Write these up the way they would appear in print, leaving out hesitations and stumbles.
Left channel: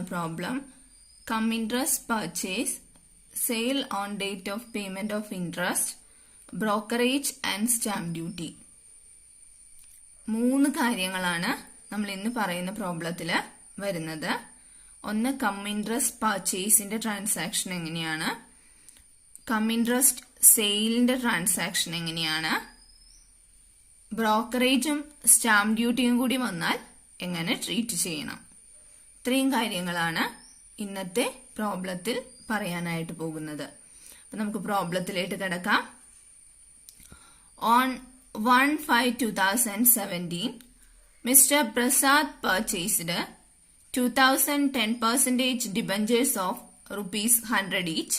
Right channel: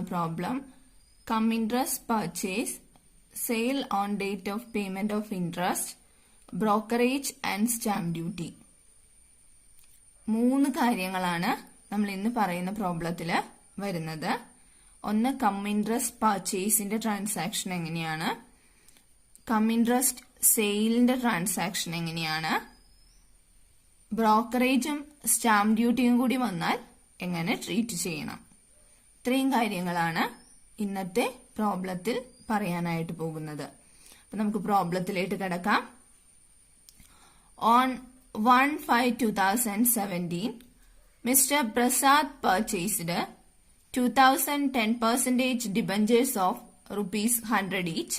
തന്ന problem come interest purchase, sale on date of payment of interest, brokerage and stamp duty. 3 കാര്യങ്ങളാണ് നമ്മൾ ഇന്ന് പറയുന്ന പ്രോബ്ലത്തിൽ വരുന്നത്. ഒന്ന്, കം ഇൻട്രസ്റ്റ് പർച്ചേസിന്റെ ട്രാൻസാക്ഷൻ എങ്ങനെയാണ്, കം ഇൻട്രസ്റ്റ് സെയിലിന്റെ ട്രാൻസാക്ഷൻ എങ്ങനെയാണ്, ബ്രോക്കറേജും സ്റ്റാമ്പ് ഡ്യൂട്ടിയും കൂടി വന്നാൽ എങ്ങനെ ട്രീറ്റ് ചെയ്യണം. ഇത്രയും കാര്യങ്ങളാണ് ഇന്നത്തെ പ്രോബ്ലത്തിൽ പറയാനായിട്ട് പോകുന്നത്. അപ്പൊ നമുക്ക് പ്രോബ്ലത്തിലേക്ക് കിടക്കാം. On 1/5/2017 Mr. Prasad purchased 2010% debentures of ₹100 each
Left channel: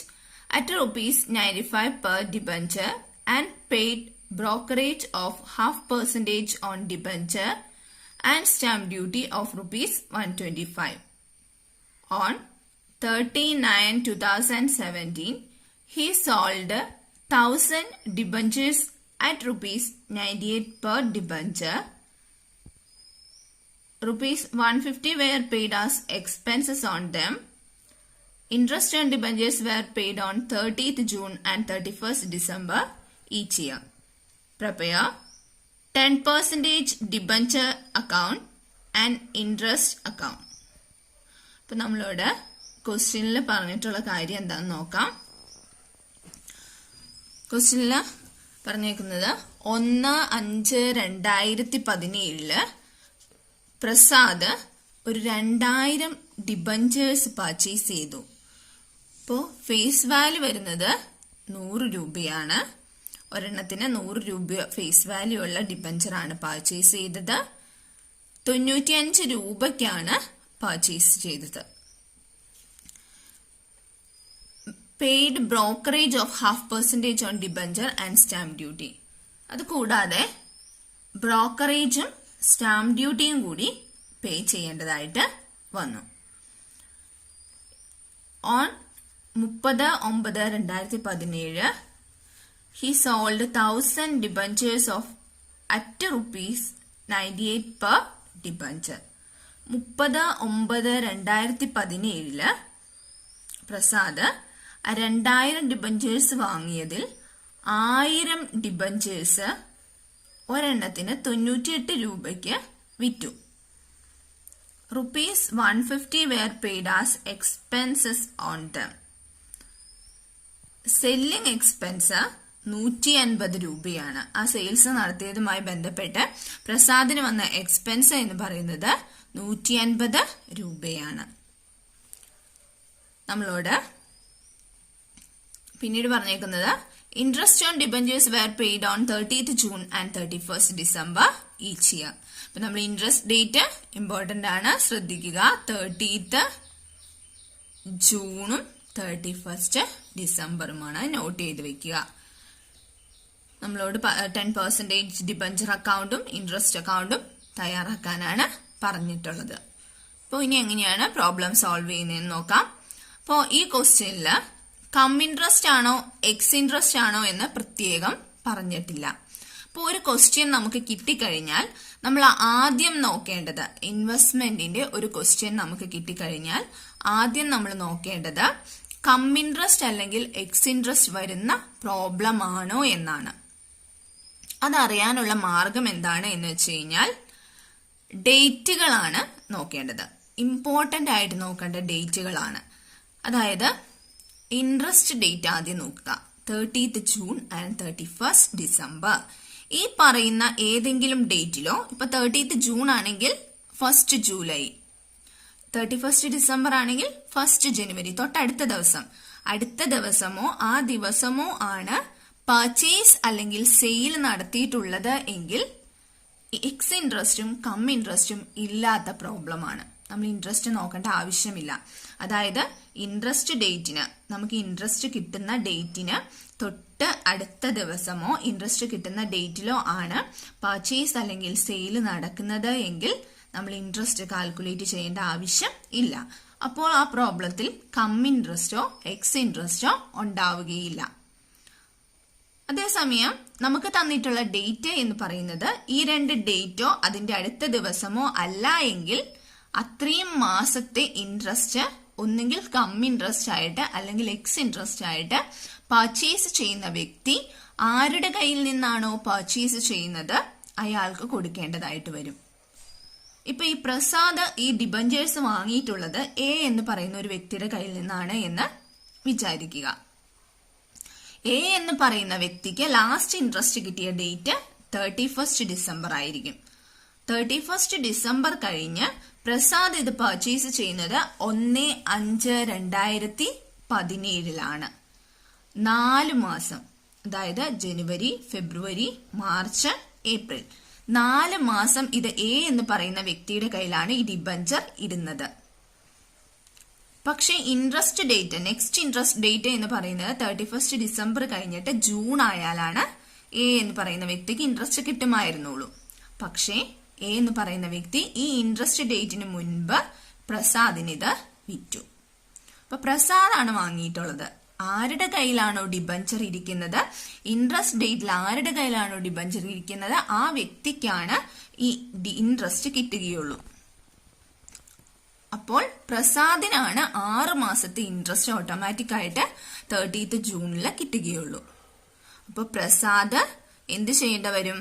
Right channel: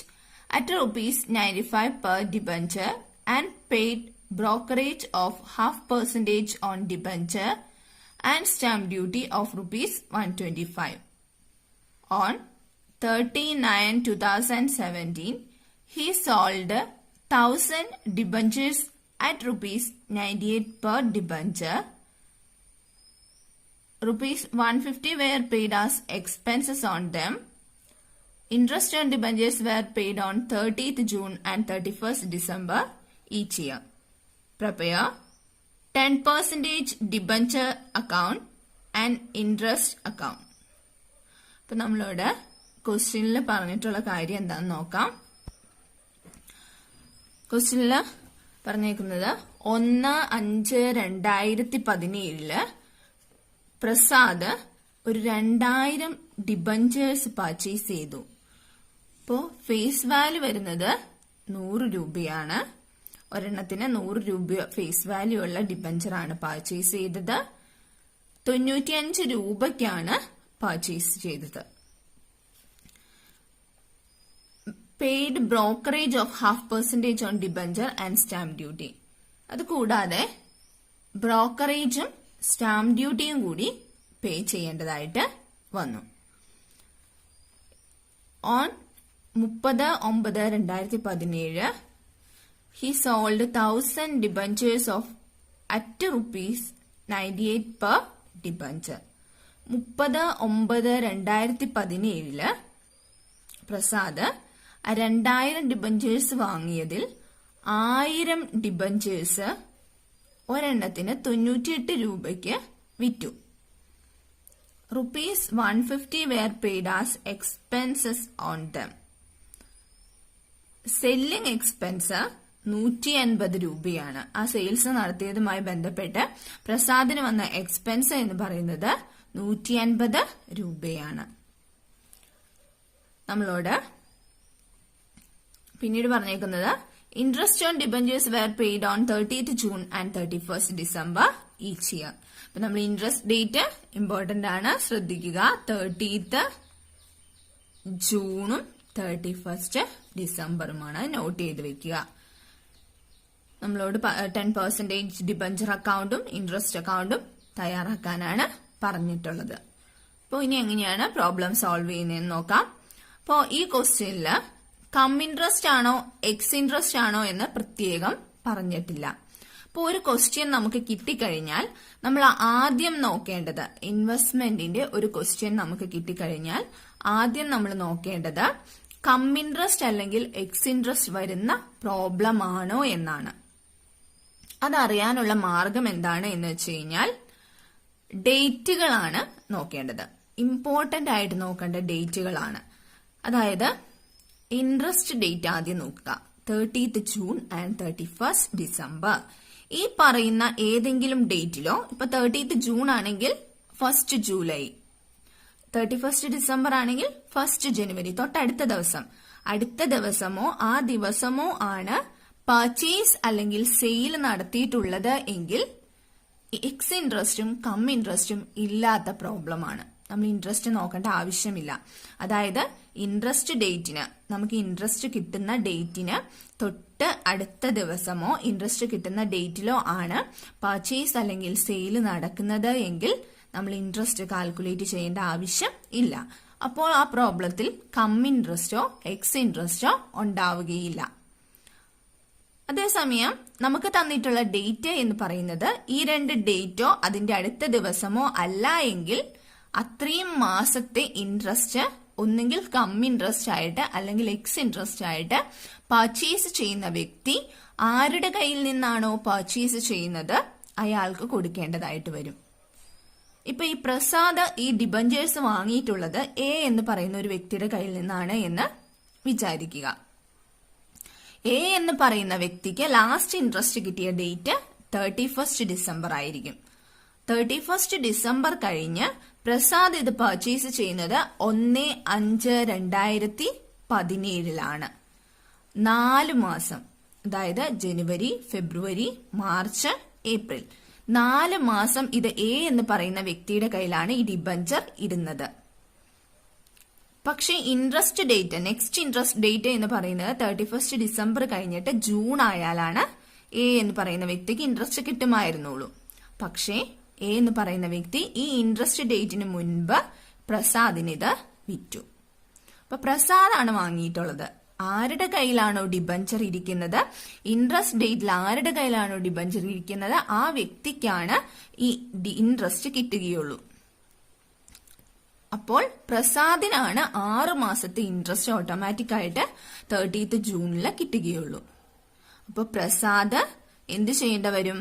at ₹95 per debenture and paid brokerage of 0.5% on debenture and stamp duty of ₹125. On 30/9/2017, he sold 1000 debentures at ₹98 per debenture. ₹150 were paid as expenses on them. Interest on debentures were paid on 30th June and 31st December each year. Prepare 10% debenture account and interest account. ഇപ്പൊ നമ്മളോട് ക്വസ്റ്റ്യനിൽ പറഞ്ഞിട്ടുള്ള കാര്യം എന്താണെന്ന് നോക്കാം. ക്വസ്റ്റ്യനിൽ പറഞ്ഞേക്കുന്നത് 1/5/2017 പ്രസാദ് ഒരു 2000 ഡിബഞ്ചേഴ്സ് പർച്ചേസ് ചെയ്തു. ഇപ്പോൾ ഫേസ് വാല്യൂ വരുന്നത് 100 രൂപയാണ്. ഒരെണ്ണത്തിന് 100 രൂപ ഫേസ് വാല്യൂ ഉള്ള ഡിബഞ്ചർ ആണ് പർച്ചേസ് ചെയ്തത്. 95 രൂപയ്ക്കാണ് പർച്ചേസ് ചെയ്തത്. Paid brokerage of 0.5% on debenture and stamp duty. അത് കൂടാതെ ബ്രോക്കറേജും സ്റ്റാമ്പ് ഡ്യൂട്ടിയും കൂടി പേ ചെയ്യേണ്ടതായിട്ട് വന്നു. On 30/9/2017 he sold 1000 debentures of at ₹98 per debenture. 30/9/2017 Prasad 2000 debentures വാങ്ങിയതിൽ 1000 ഡിബഞ്ചേഴ്സ് ഒരെണ്ണത്തിന് 98 രൂപയ്ക്ക് വിറ്റു. ₹150 were paid as expenses on them. Selling expense 150 രൂപയാണ്. ആ സെയിൽസ് നടത്തിയതുമായി ബന്ധപ്പെട്ട് പ്രസാദിന് വന്ന എക്സ്പെൻസ് എന്ന് പറയുന്നത് 150 രൂപയാണ്. നമ്മളോട് പിന്നീട് പറഞ്ഞേക്കുന്നത് interest on debentures were paid on 30th June and 31st December each year. അപ്പൊ നമ്മൾ ഇൻട്രസ്റ്റ് ഡേറ്റ് ഇമ്പോർട്ടന്റ് ആണ്, ശ്രദ്ധിക്കുക. 30th ജൂണും 31st ഡിസംബറുമാണ്. നോട്ട് ചെയ്ത് വെക്കുക. നമ്മളോട് 10% ഡിബഞ്ചർ അക്കൗണ്ടും ഇൻട്രസ്റ്റ് അക്കൗണ്ടും തയ്യാറാക്കാനാണ് പറഞ്ഞിട്ടുള്ളത്. അപ്പോൾ ഇനി എങ്ങനെയാണ് പ്രോബ്ലം സോൾവ് ചെയ്യുന്നതെന്ന് നോക്കാം. അപ്പോൾ ഈ ക്വസ്റ്റ്യനിൽ കം ഇൻട്രസ്റ്റ് ആണോ എക്സ് ഇൻട്രസ്റ്റ് ആണോ എന്ന് പ്രത്യേകം പറഞ്ഞിട്ടില്ല. അപ്പോൾ ഒരു ക്വസ്റ്റ്യൻ നമുക്ക് കിട്ടിക്കഴിഞ്ഞാൽ നമ്മൾ ആദ്യം നോക്കേണ്ടത്, ഇൻവെസ്റ്റ്മെന്റിന്റെ ഒരു ക്വസ്റ്റ്യൻ നമുക്ക് കിട്ടിക്കഴിഞ്ഞാൽ ആദ്യം നമ്മൾ നോക്കേണ്ടത് കം ഇൻട്രസ്റ്റ് അല്ലെങ്കിൽ എക്സ് ഇൻട്രസ്റ്റ് വരുന്ന പ്രോബ്ലം ആണോ എന്നാണ്. അതറിയാനുള്ള മാർഗം എന്താണ് എന്ന് വെച്ച് കഴിഞ്ഞാൽ ഡേറ്റുകളാണ് നോക്കേണ്ടത്. ഇമ്പോർട്ടന്റ് ആയിട്ട് നോക്കേണ്ട ഡേറ്റുകളാണ്. അതായത് ഇൻട്രസ്റ്റ് ഡേറ്റ് ആദ്യം നോക്കുക, 30th June and 31st December. ഈ പറയുന്ന ഏതെങ്കിലും ഡേറ്റിലോ, ഇപ്പൊ 30th June ആണെങ്കിൽ 1st July, 31st December ആണെങ്കിൽ 1st January, തൊട്ടടുത്ത ദിവസം, അടുത്ത ദിവസമോ ആ ദിവസമോ ആണ് പർച്ചേസ് അല്ലെങ്കിൽ സെയിൽ നടത്തിയിട്ടുള്ളത് എങ്കിൽ എക്സ് ഇൻട്രസ്റ്റും കം ഇൻട്രസ്റ്റും ഇല്ലാത്ത പ്രോബ്ലമാണ്. നമ്മൾ ഇൻട്രസ്റ്റ് നോക്കേണ്ട ആവശ്യമില്ല. അതായത് ഇൻട്രസ്റ്റ് ഡേറ്റിന്, നമുക്ക് ഇൻട്രസ്റ്റ് കിട്ടുന്ന ഡേറ്റിന് തൊട്ട് അടുത്ത ദിവസമോ ഇൻട്രസ്റ്റ് കിട്ടുന്ന ഡേറ്റിലോ ആണ് പർച്ചേസ് അല്ലെങ്കിൽ സെയിൽ നടക്കുന്നത് എങ്കിൽ നമ്മൾ ഇൻട്രസ്റ്റ് കാൽക്കുലേറ്റ് ചെയ്യേണ്ട ആവശ്യം ഇല്ല. അപ്പോൾ ആ പ്രോബ്ലത്തിൽ കം ഇൻട്രസ്റ്റോ എക്സ് ഇൻട്രസ്റ്റോ ഉണ്ടാവുകയില്ല. അതേസമയം നമുക്ക് തന്നിട്ടുള്ള ഡേറ്റ് എന്ന് പറയുന്നത് ഈ 2 ഡേറ്റോ അതിന്റെ അടുത്ത ദിവസമോ അല്ല എങ്കിൽ അത്രയും മാസത്തെ ഇൻട്രസ്റ്റ് ഒന്നുകിൽ കം ഇൻട്രസ്റ്റ് ആയിട്ട് അല്ലെങ്കിൽ എക്സ് ഇൻട്രസ്റ്റ് ആയിട്ട് പർച്ചേസ് ചെയ്യുന്ന വ്യക്തി ആരുടെ കയ്യിൽ നിന്നാണോ പർച്ചേസ് ചെയ്യുന്നത് അയാൾക്ക് കൊടുക്കേണ്ടതായിട്ട് വരും. ഇപ്പൊ ഈ പ്രസാദ് ഈ ഡിബഞ്ചേഴ്സ് വാങ്ങിയിട്ടുള്ളത് എ എന്ന് പറയുന്ന ഒരു വ്യക്തിയുടെ കയ്യിൽ നിന്നാണ് എന്ന് വിചാരിക്കുക. എ എന്ന് പറയുന്ന വ്യക്തിക്ക് ലാസ്റ്റ് ഇൻട്രസ്റ്റ് കിട്ടിയ ഡേറ്റ് 31 ഡിസംബർ ആയിരിക്കും. 31 ഡിസംബർ കഴിഞ്ഞ് പ്രസാദ് ഇത് പർച്ചേസ് ചെയ്യുന്നത് 1/5/2017 4 മാസം, അതായത് ജനുവരി, ഫെബ്രുവരി, മാർച്ച്, ഏപ്രിൽ 4 മാസം ഇത് എ എന്ന് പറയുന്ന വ്യക്തിയുടെ കയ്യിലാണ് ഈ ഡിബഞ്ചർ ഇടുന്നത്. പക്ഷെ interest date, next interest date എന്ന് പറയുന്നത് 31 ഡിസംബർ കഴിഞ്ഞിട്ട് ജൂൺ ആയാലാണ് എ എന്ന് പറയുന്ന വ്യക്തിക്ക് ഇൻട്രസ്റ്റ് കിട്ടുമായിരുന്നുള്ളൂ. പക്ഷേ എ എന്ന് പറയുന്ന വ്യക്തി ഈ ഇൻട്രസ്റ്റ് ഡേറ്റിന് മുൻപ് പ്രസാദിന് ഇത് വിറ്റു. അപ്പൊ പ്രസാദാണ് വാങ്ങിയിട്ടുള്ളത്. ആരുടെ കയ്യിലാണോ ഡിബഞ്ചർ ഇരിക്കുന്നത്, ഇൻട്രസ്റ്റ് ഡേറ്റിൽ ആരുടെ കയ്യിലാണോ ഡിബഞ്ചർ ഇരിക്കുന്നത് ആ വ്യക്തിക്കാണ് ഈ ഇൻട്രസ്റ്റ് കിട്ടുകയുള്ളൂ. അപ്പോൾ പ്രസാദിനാണ് 6 മാസത്തെ ഇൻട്രസ്റ്റ് ഓട്ടോമാറ്റിക് ആയിട്ട് 30th ജൂണിൽ കിട്ടുകയുള്ളൂ. അപ്പൊ പ്രസാദ് എന്ത് ചെയ്യേണ്ട വരും?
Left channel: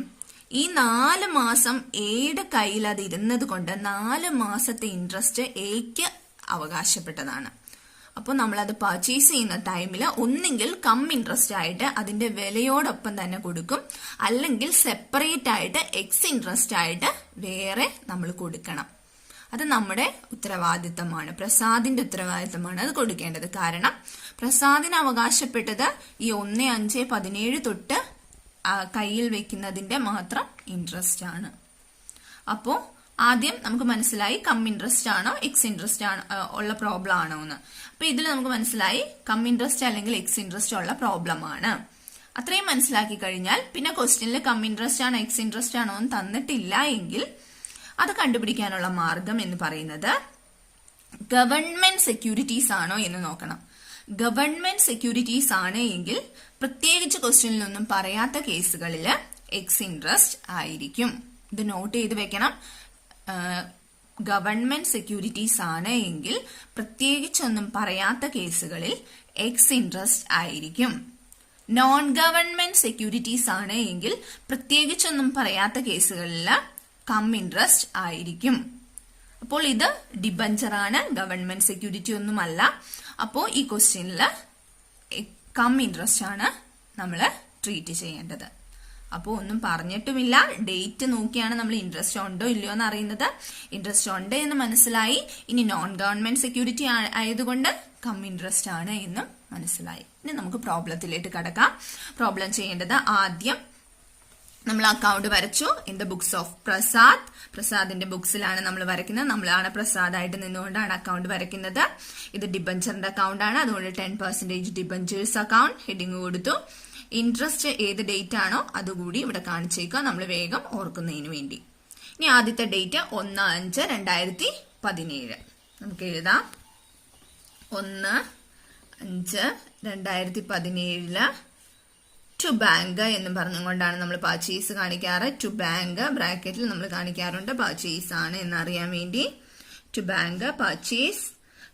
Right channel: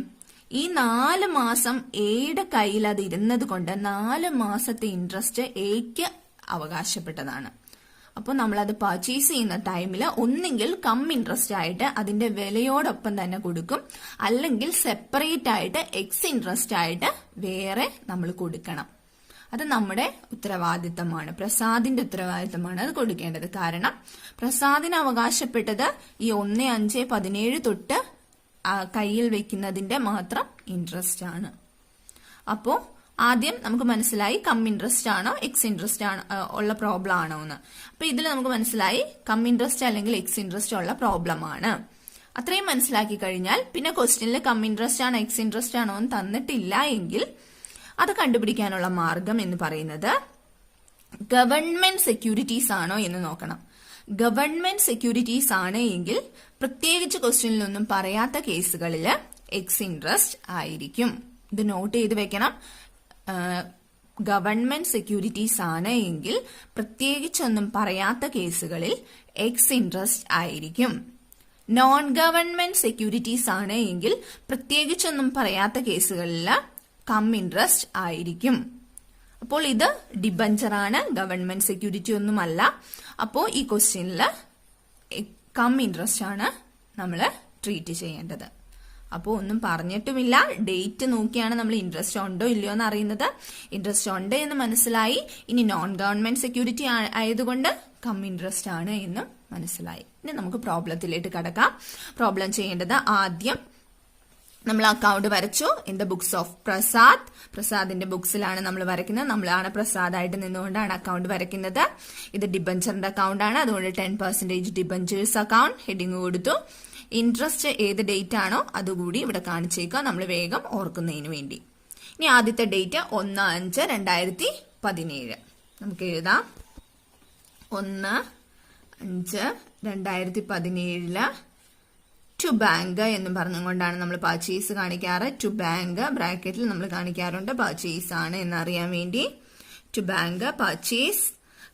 ഈ 4 മാസം എയുടെ കയ്യിൽ അത് ഇരുന്നത് കൊണ്ട് 4 മാസത്തെ ഇൻട്രസ്റ്റ് എക്ക് അവകാശപ്പെട്ടതാണ്. അപ്പോൾ നമ്മളത് പർച്ചേസ് ചെയ്യുന്ന ടൈമിൽ ഒന്നെങ്കിൽ കം ഇൻട്രസ്റ്റ് ആയിട്ട് അതിന്റെ വിലയോടൊപ്പം തന്നെ കൊടുക്കും, അല്ലെങ്കിൽ സെപ്പറേറ്റ് ആയിട്ട് എക്സ് ഇൻട്രസ്റ്റ് ആയിട്ട് വേറെ നമ്മൾ കൊടുക്കണം. അത് നമ്മുടെ ഉത്തരവാദിത്തമാണ്, പ്രസാദിന്റെ ഉത്തരവാദിത്തമാണ് അത് കൊടുക്കേണ്ടത്. കാരണം പ്രസാദിന് അവകാശപ്പെട്ടത് ഈ 1/5/17 തൊട്ട് കയ്യിൽ വെക്കുന്നതിന്റെ മാത്രം ഇൻട്രസ്റ്റ് ആണ്. അപ്പോ ആദ്യം നമുക്ക് മനസ്സിലായി കം ഇൻട്രസ്റ്റ് ആണോ എക്സ് ഇൻട്രസ്റ്റ് ആണോ ഉള്ള പ്രോബ്ലം ആണോ എന്ന്. അപ്പൊ ഇതിൽ നമുക്ക് മനസ്സിലായി കം ഇൻട്രസ്റ്റ് അല്ലെങ്കിൽ എക്സ് ഇൻട്രസ്റ്റ് ഉള്ള പ്രോബ്ലം ആണ്. അത്രയും മനസ്സിലാക്കി കഴിഞ്ഞാൽ പിന്നെ ക്വസ്റ്റ്യനിൽ കം ഇൻട്രസ്റ്റ് ആണോ എക്സ് ഇൻട്രസ്റ്റ് ആണോ എന്ന് തന്നിട്ടില്ല എങ്കിൽ അത് കണ്ടുപിടിക്കാനുള്ള മാർഗം എന്ന് പറയുന്നത് ഗവൺമെന്റ് സെക്യൂരിറ്റീസ് ആണോ എന്ന് നോക്കണം. ഗവൺമെന്റ് സെക്യൂരിറ്റീസ് ആണ് എങ്കിൽ പ്രത്യേകിച്ച് ക്വസ്റ്റ്യനിലൊന്നും പറയാത്ത കേസുകളിൽ എക്സ് ഇൻട്രസ്റ്റ് ആയിരിക്കും. ഇത് നോട്ട് ചെയ്ത് വെക്കണം. ഗവൺമെന്റ് സെക്യൂരിറ്റീസ് ആണ് എങ്കിൽ പ്രത്യേകിച്ചൊന്നും പറയാത്ത കേസുകളിൽ എക്സ് ഇൻട്രസ്റ്റ് ആയിരിക്കും. നോൺ ഗവൺമെന്റ് സെക്യൂരിറ്റീസ് ആണ് എങ്കിൽ പ്രത്യേകിച്ചൊന്നും പറയാത്ത കേസുകളിൽ കം ഇൻട്രസ്റ്റ് ആയിരിക്കും. അപ്പോൾ ഇത് ഡിബഞ്ചർ ആണ്, ഗവൺമെന്റ് സെക്യൂരിറ്റി ഒന്നുമല്ല. അപ്പോൾ ഈ ക്വസ്റ്റ്യനിൽ കം ഇൻട്രസ്റ്റ് ആണ് നമ്മൾ ട്രീറ്റ് ചെയ്യേണ്ടത്. അപ്പോൾ ഒന്നും പറഞ്ഞിട്ടുമില്ല, ഡേറ്റ് നോക്കിയാണ് നമ്മൾ ഇൻട്രസ്റ്റ് ഉണ്ടോ ഇല്ലയോ എന്ന് അറിയുന്നത്. ഇൻട്രസ്റ്റ് ഉണ്ട് എന്ന് മനസ്സിലായി. ഇനി നോൺ ഗവൺമെന്റ് സെക്യൂരിറ്റി ആയതുകൊണ്ട് കം ഇൻട്രസ്റ്റ് ആണ് എന്നും മനസ്സിലായി. ഇനി നമുക്ക് പ്രോബ്ലത്തിലേക്ക് കടക്കാം. പ്രോബ്ലം ചെയ്യേണ്ടത് ആദ്യം നമ്മൾ അക്കൗണ്ട് വരച്ചു in the books of Prasad. പ്രസാദിന്റെ ബുക്സിലാണ് നമ്മൾ വരയ്ക്കുന്നത്. നമ്മളാണ് പ്രസാദ് ആയിട്ട് നിന്നുകൊണ്ടാണ് അക്കൗണ്ട് വരയ്ക്കുന്നത്. ഇത് ഡിബഞ്ചറിന്റെ അക്കൗണ്ട് ആണ്, അതുകൊണ്ട് 10% ഡിബഞ്ചേഴ്സ് അക്കൗണ്ട് ഹെഡിങ് കൊടുത്തു. ഇൻട്രസ്റ്റ് ഏത് ഡേറ്റ് ആണോ അതുകൂടി ഇവിടെ കാണിച്ചേക്കുക, നമ്മൾ വേഗം ഓർക്കുന്നതിന് വേണ്ടി. ഇനി ആദ്യത്തെ ഡേറ്റ് 1/5/2017 നമുക്ക് എഴുതാം. 1/5/2017 ടു ബാങ്ക് എന്ന് പറഞ്ഞുകൊണ്ടാണ് നമ്മൾ പർച്ചേസ് കാണിക്കാറ്. ടു ബാങ്ക് ബ്രാക്കറ്റിൽ നമ്മൾ കാണിക്കാറുണ്ട്, പർച്ചേസ് ആണ് എന്നറിയാൻ വേണ്ടി. To bank purchase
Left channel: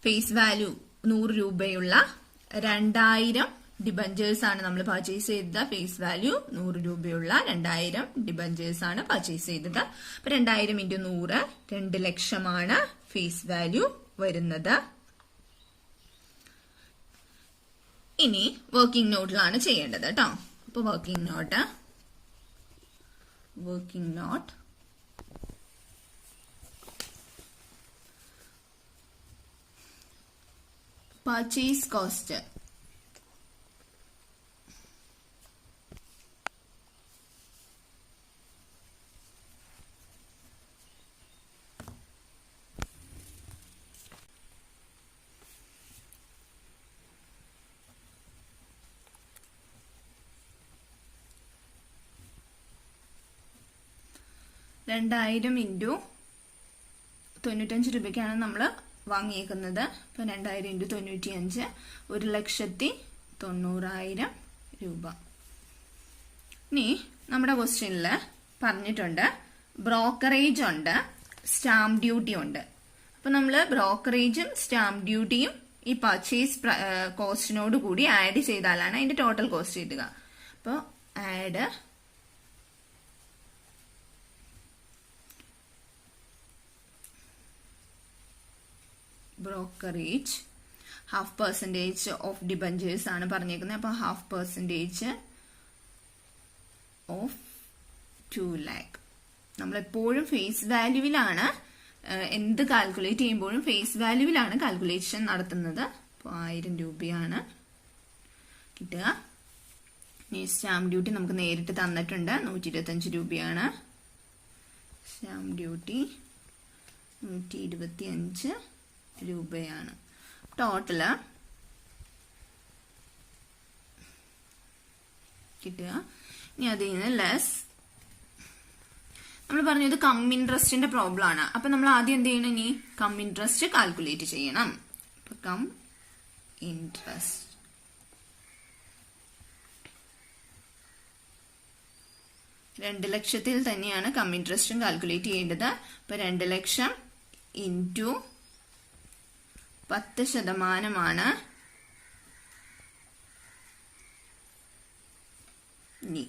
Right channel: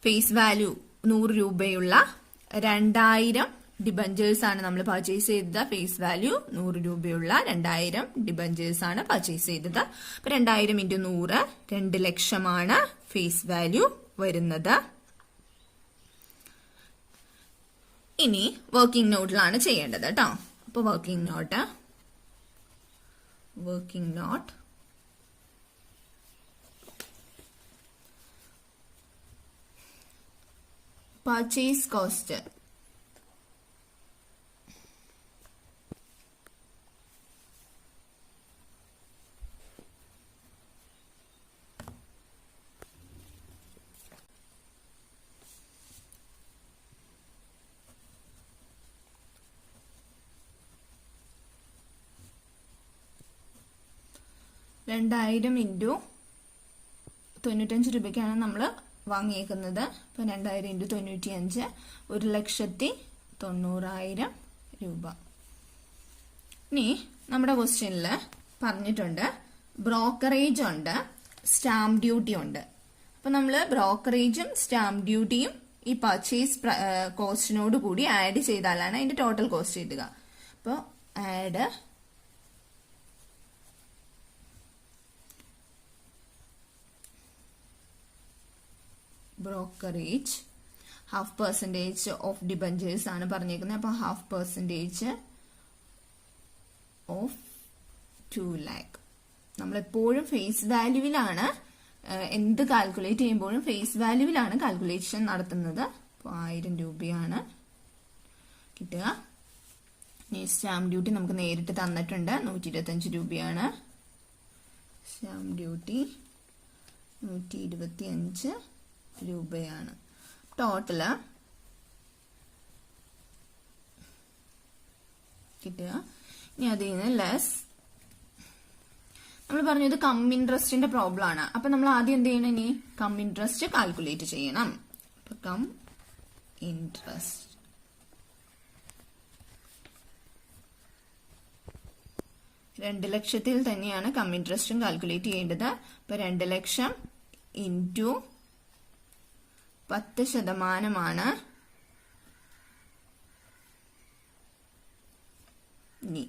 face value 100 രൂപയുള്ള 2000 ഡിബഞ്ചേഴ്സ് ആണ് നമ്മൾ പർച്ചേസ് ചെയ്തത്. ഫേസ് വാല്യൂ 100 രൂപയുള്ള 2000 ഡിബഞ്ചേഴ്സ് ആണ് പർച്ചേസ് ചെയ്തത്. അപ്പൊ 2000 × 100 2 ലക്ഷമാണ് ഫേസ് വാല്യൂ വരുന്നത്. ഇനി വർക്കിംഗ് നോട്ടിലാണ് ചെയ്യേണ്ടത് കേട്ടോ. അപ്പൊ വർക്കിംഗ് നോട്ട് പർച്ചേസ് കോസ്റ്റ് $2000 × 95 രൂപയ്ക്കാണ് നമ്മൾ വാങ്ങിയേക്കുന്നത്. ഇപ്പൊ 2000 × 95 1,90,000 രൂപ. ഇനി നമ്മുടെ ക്വസ്റ്റ്യനിൽ പറഞ്ഞിട്ടുണ്ട് ബ്രോക്കറേജ് ഉണ്ട്, സ്റ്റാമ്പ് ഡ്യൂട്ടി ഉണ്ട്. അപ്പൊ നമ്മൾ ബ്രോക്കറേജും സ്റ്റാമ്പ് ഡ്യൂട്ടിയും ഈ പർച്ചേസ് കോസ്റ്റിനോട് കൂടി ആഡ് ചെയ്താലാണ് അതിന്റെ ടോട്ടൽ കോസ്റ്റ് കിട്ടുക. അപ്പോൾ ആഡ് ബ്രോക്കറേജ് 0.5% ഓഫ് ഡിബഞ്ചേഴ്സ് ആണ് പറഞ്ഞേക്കുന്നത്. അപ്പൊ 0.5% ഓഫ് 2 lakh. നമ്മളെപ്പോഴും ഫേസ് വാല്യൂവിലാണ് എന്ത് കാൽക്കുലേറ്റ് ചെയ്യുമ്പോഴും ഫേസ് വാല്യൂവിലാണ് കാൽക്കുലേഷൻ നടത്തുന്നത്. അപ്പോൾ 1000 രൂപയാണ് കിട്ടുക. ഇനി സ്റ്റാമ്പ് ഡ്യൂട്ടി നമുക്ക് നേരിട്ട് തന്നിട്ടുണ്ട്, 125 രൂപയാണ് സ്റ്റാമ്പ് ഡ്യൂട്ടി, 125 രൂപയാണ് ടോട്ടല് കിട്ടുക. ഇനി അതിൽ നിന്ന് ലെസ് നമ്മൾ പറഞ്ഞത് കം ഇൻട്രസ്റ്റിന്റെ പ്രോബ്ലം ആണ്. അപ്പൊ നമ്മൾ ആദ്യം എന്ത് ചെയ്യണം, ഇനി കം ഇൻട്രസ്റ്റ് കാൽക്കുലേറ്റ് ചെയ്യണം. കം ഇൻട്രസ്റ്റ് 2 ലക്ഷത്തിൽ തന്നെയാണ് കം ഇൻട്രസ്റ്റും കാൽക്കുലേറ്റ് ചെയ്യേണ്ടത്. അപ്പൊ 2 ലക്ഷം ഇൻറ്റു 10% ഇനി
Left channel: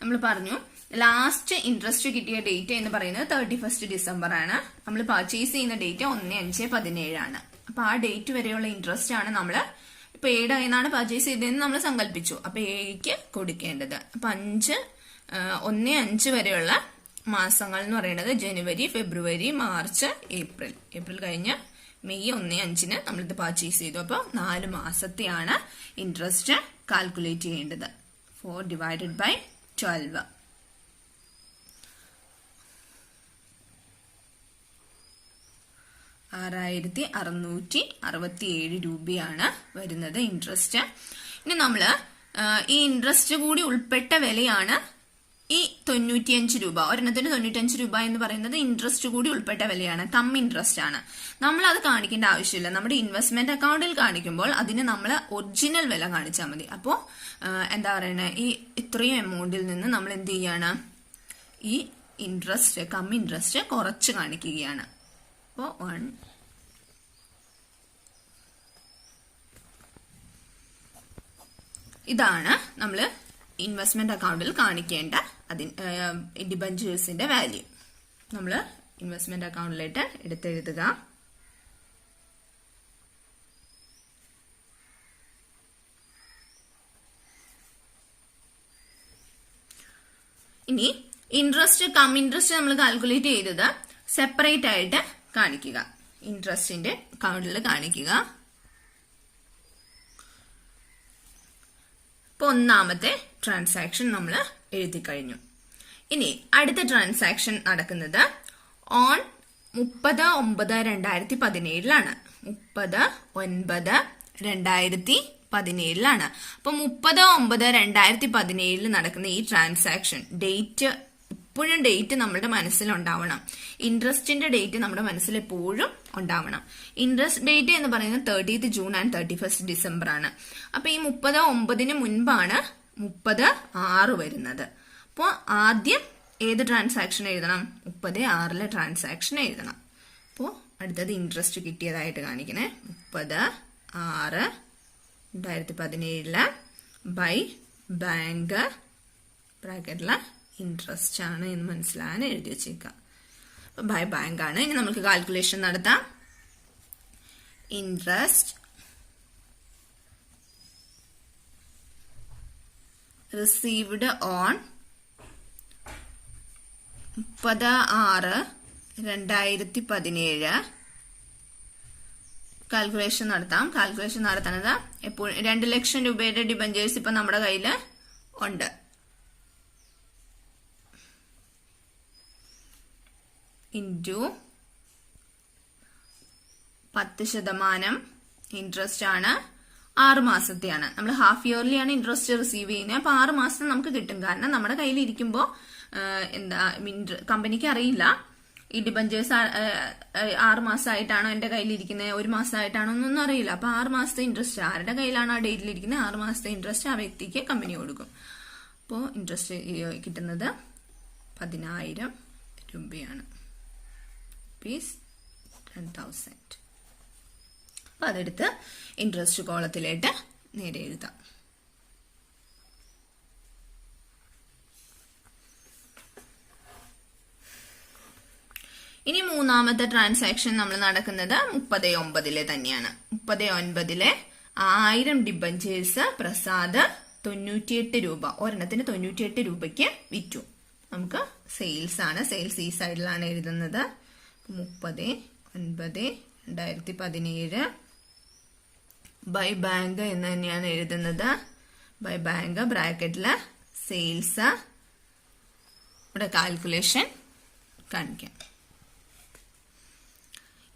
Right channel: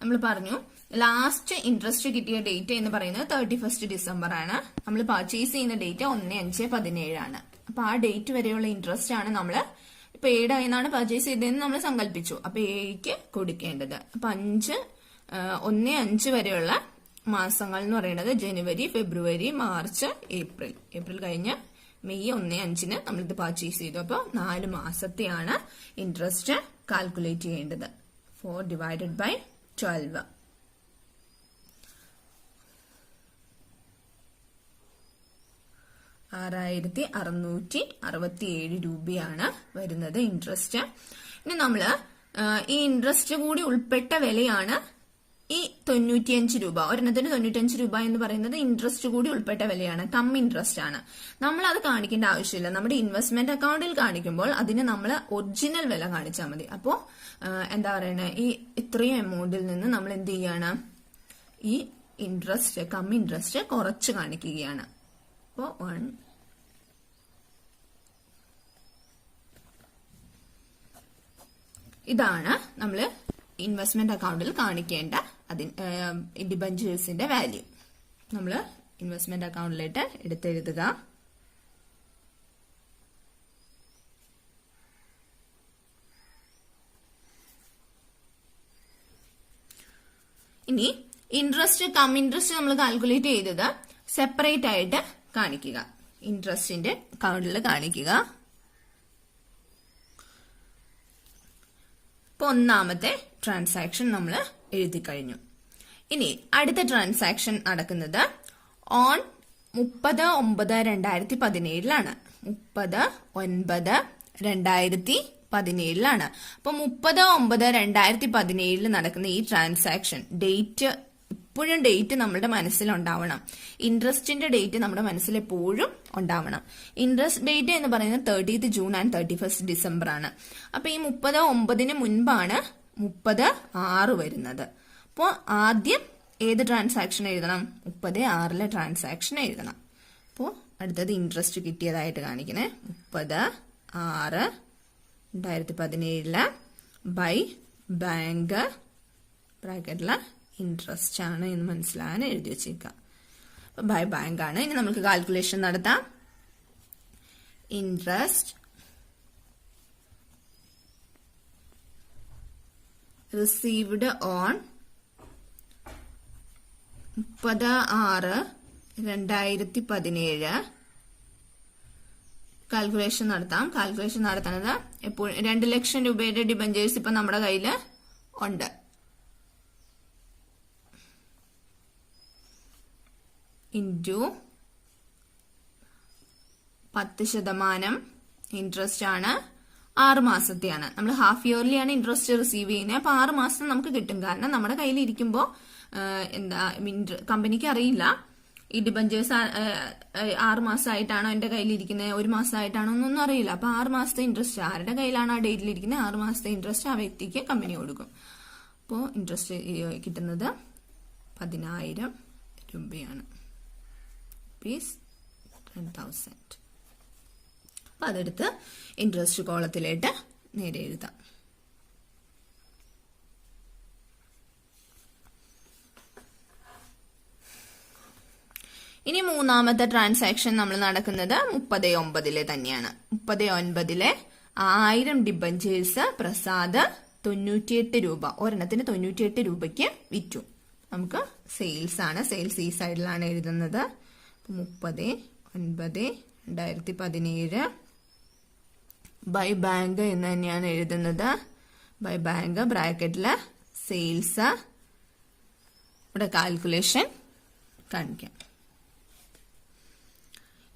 നമ്മൾ പറഞ്ഞു ലാസ്റ്റ് ഇൻട്രസ്റ്റ് കിട്ടിയ ഡേറ്റ് എന്ന് പറയുന്നത് 31 ഡിസംബർ ആണ്. നമ്മൾ പർച്ചേസ് ചെയ്യുന്ന ഡേറ്റ് 1/5/17 ആണ്. അപ്പൊ ആ ഡേറ്റ് വരെയുള്ള ഇൻട്രസ്റ്റ് ആണ് നമ്മൾ ഇപ്പൊ 7 എന്നാണ് പർച്ചേസ് ചെയ്തതെന്ന് നമ്മൾ സങ്കല്പിച്ചു. അപ്പൊ 7ക്ക് കൊടുക്കേണ്ടത്. അപ്പൊ 1/5 വരെയുള്ള മാസങ്ങൾ എന്ന് പറയുന്നത് ജനുവരി, ഫെബ്രുവരി, മാർച്ച്, ഏപ്രിൽ. ഏപ്രിൽ കഴിഞ്ഞ് മെയ് 1/5 നമ്മളിത് പർച്ചേസ് ചെയ്തു. അപ്പോൾ 4 മാസത്തെയാണ് ഇൻട്രസ്റ്റ് കാൽക്കുലേറ്റ് ചെയ്യേണ്ടത്. 4 ഡിവൈഡഡ് ബൈ 12. 6667 രൂപയാണ് വരുന്നത് ഇൻട്രസ്റ്റ്. ഇനി നമ്മള് ഈ ഇൻട്രസ്റ്റ് കൂടി ഉൾപ്പെട്ട വിലയാണ് ഈ 95 രൂപ. ഒരെണ്ണത്തിന് 95 രൂപ എന്ന് പറയുന്നത് ഇൻട്രസ്റ്റ് കൂടി ഉൾപ്പെട്ട വിലയാണ്, കം ഇൻട്രസ്റ്റ് ആണ്. നമ്മൾ അത് കാണിക്കേണ്ട ആവശ്യമില്ല. നമ്മുടെ ഇൻവെസ്റ്റ്മെന്റ് അക്കൗണ്ടിൽ കാണിക്കുമ്പോൾ അതിന് നമ്മൾ ഒറിജിനൽ വില കാണിച്ചാൽ മതി. അപ്പോൾ എന്താ പറയുന്നത്, ഈ ഇത്രയും എമൗണ്ടിൽ നിന്ന് നമ്മൾ എന്ത് ചെയ്യാണ്, ഈ ഇൻട്രസ്റ്റ് കം ഇൻട്രസ്റ്റ് കുറച്ച് കാണിക്കുകയാണ്. അപ്പോൾ 1 ഇതാണ് നമ്മൾ ഇൻവെസ്റ്റ്മെന്റ് അക്കൗണ്ടിൽ കാണിക്കേണ്ട ഡിബഞ്ചേഴ്സിന്റെ വാല്യൂ. നമ്മൾ ഇൻവെസ്റ്റ്മെന്റ് അക്കൗണ്ടിലേക്ക് എടുത്തെഴുതുക. ഇനി ഇൻട്രസ്റ്റ് കം ഇൻട്രസ്റ്റ് നമ്മൾ കാൽക്കുലേറ്റ് ചെയ്തത് സെപ്പറേറ്റ് ആയിട്ട് കാണിക്കുക. ഇൻട്രസ്റ്റിന്റെ അക്കൗണ്ടിൽ കാണിക്കുക. ഇപ്പൊ ഒന്നാമത്തെ ട്രാൻസാക്ഷൻ നമ്മൾ എഴുതി കഴിഞ്ഞു. ഇനി അടുത്ത ട്രാൻസാക്ഷൻ നടക്കുന്നത് ഓൺ 30/9/2017 30/9/2017 അപ്പൊ 30/9/2017 നടക്കുന്ന ഈ ട്രാൻസാക്ഷൻ ഡേറ്റ് എപ്പോഴും ഡേറ്റ് നമ്മുടെ മനസ്സിലുണ്ടാവണം. ഇൻട്രസ്റ്റിന്റെ ഡേറ്റ് നമ്മുടെ മനസ്സിൽ എപ്പോഴും ഉണ്ടാവണം. ഇൻട്രസ്റ്റ് ഡേറ്റ് എന്ന് പറയുന്നത് 30th June and 31st December ആണ്. അപ്പൊ ഈ 30/9 മുൻപാണ് 30/6 വരുന്നത്. അപ്പോൾ ആദ്യം ഏത് ട്രാൻസാക്ഷൻ എഴുതണം, 30/6 ട്രാൻസാക്ഷൻ എഴുതണം. അപ്പോൾ അടുത്തത് ഇൻട്രസ്റ്റ് കിട്ടിയതായിട്ട് കാണിക്കണേ. 30/6/2017 ബൈ ബാങ്ക് ബ്രാക്കറ്റിലെ ഇൻട്രസ്റ്റ് ആണ് എന്ന് മനസ്സിലാകാൻ എഴുതി വെച്ചേക്കാം. ബൈ ബാങ്ക് ആണ്. ഇനി നമുക്ക് കാൽക്കുലേഷൻ നടത്താം. ഇൻട്രസ്റ്റ് received on 30/6/2017 കാൽക്കുലേഷൻ നടത്താം. കാൽക്കുലേഷൻ നടത്തുന്നത് എപ്പോഴും 2 ലക്ഷം രൂപയുടെ ഡിബഞ്ചേഴ്സ് ഇപ്പൊ നമ്മുടെ കയ്യിൽ ഉണ്ട്. ഇൻറ്റു 10% ഇൻട്രസ്റ്റ് ആണ്. 6 മാസത്തെയാണ്. നമ്മൾ ഹാഫ് ഇയർലി ആണ് ഇൻട്രസ്റ്റ് റിസീവ് ചെയ്യുന്നത്. അപ്പൊ 6 മാസം നമുക്ക് കിട്ടും. കാരണം നമ്മുടെ കയ്യിൽ ഇരിക്കുമ്പോൾ കമ്പനിക്ക് അറിയില്ല ഈ ഡിബഞ്ചേഴ്സ് 6 മാസമായിട്ടാണോ എന്റെ കയ്യിൽ ഇരിക്കുന്നത്, 1 മാസമായിട്ടാണോ എന്നൊന്നും അറിയില്ല. അപ്പൊ 6 മാസത്തെ ഇൻട്രസ്റ്റ് ആരുടെ കയ്യിലാണ് ആ ഡേറ്റിൽ ഇരിക്കുന്നത്, 6 മാസത്തെ ഇൻട്രസ്റ്റ് ആ വ്യക്തിക്ക് കമ്പനി കൊടുക്കും. അപ്പോൾ ഇൻട്രസ്റ്റ് കിട്ടുന്നത് 10,000 രൂപയാണ്. 10,000. അപ്പൊ അതെടുത്ത് ഇൻട്രസ്റ്റ് കോളത്തിലേക്ക് നേരെ എഴുതാം. ഇനി മൂന്നാമത്തെ ട്രാൻസാക്ഷൻ നമ്മൾ നടക്കുന്നത് 39 തന്നെയാണ്. 39 1000 ഡിബഞ്ചേഴ്സ് പ്രസാദ് 98 രൂപ, ഒരെണ്ണത്തിന് 98 രൂപയ്ക്ക് വിറ്റു. നമുക്ക് സെയിൽസ് ആണ്, സെയിൽസ് ഈ സൈഡിലാണ് എഴുതുന്നത്. 30/9/2017 ബൈ ബാങ്ക് എന്ന് തന്നെയാണ് എഴുതുന്നത്. ബൈ ബാങ്ക് ബ്രാക്കറ്റില് സെയിൽസ്, ഇവിടെ കാൽക്കുലേഷൻ കാണിക്കാം.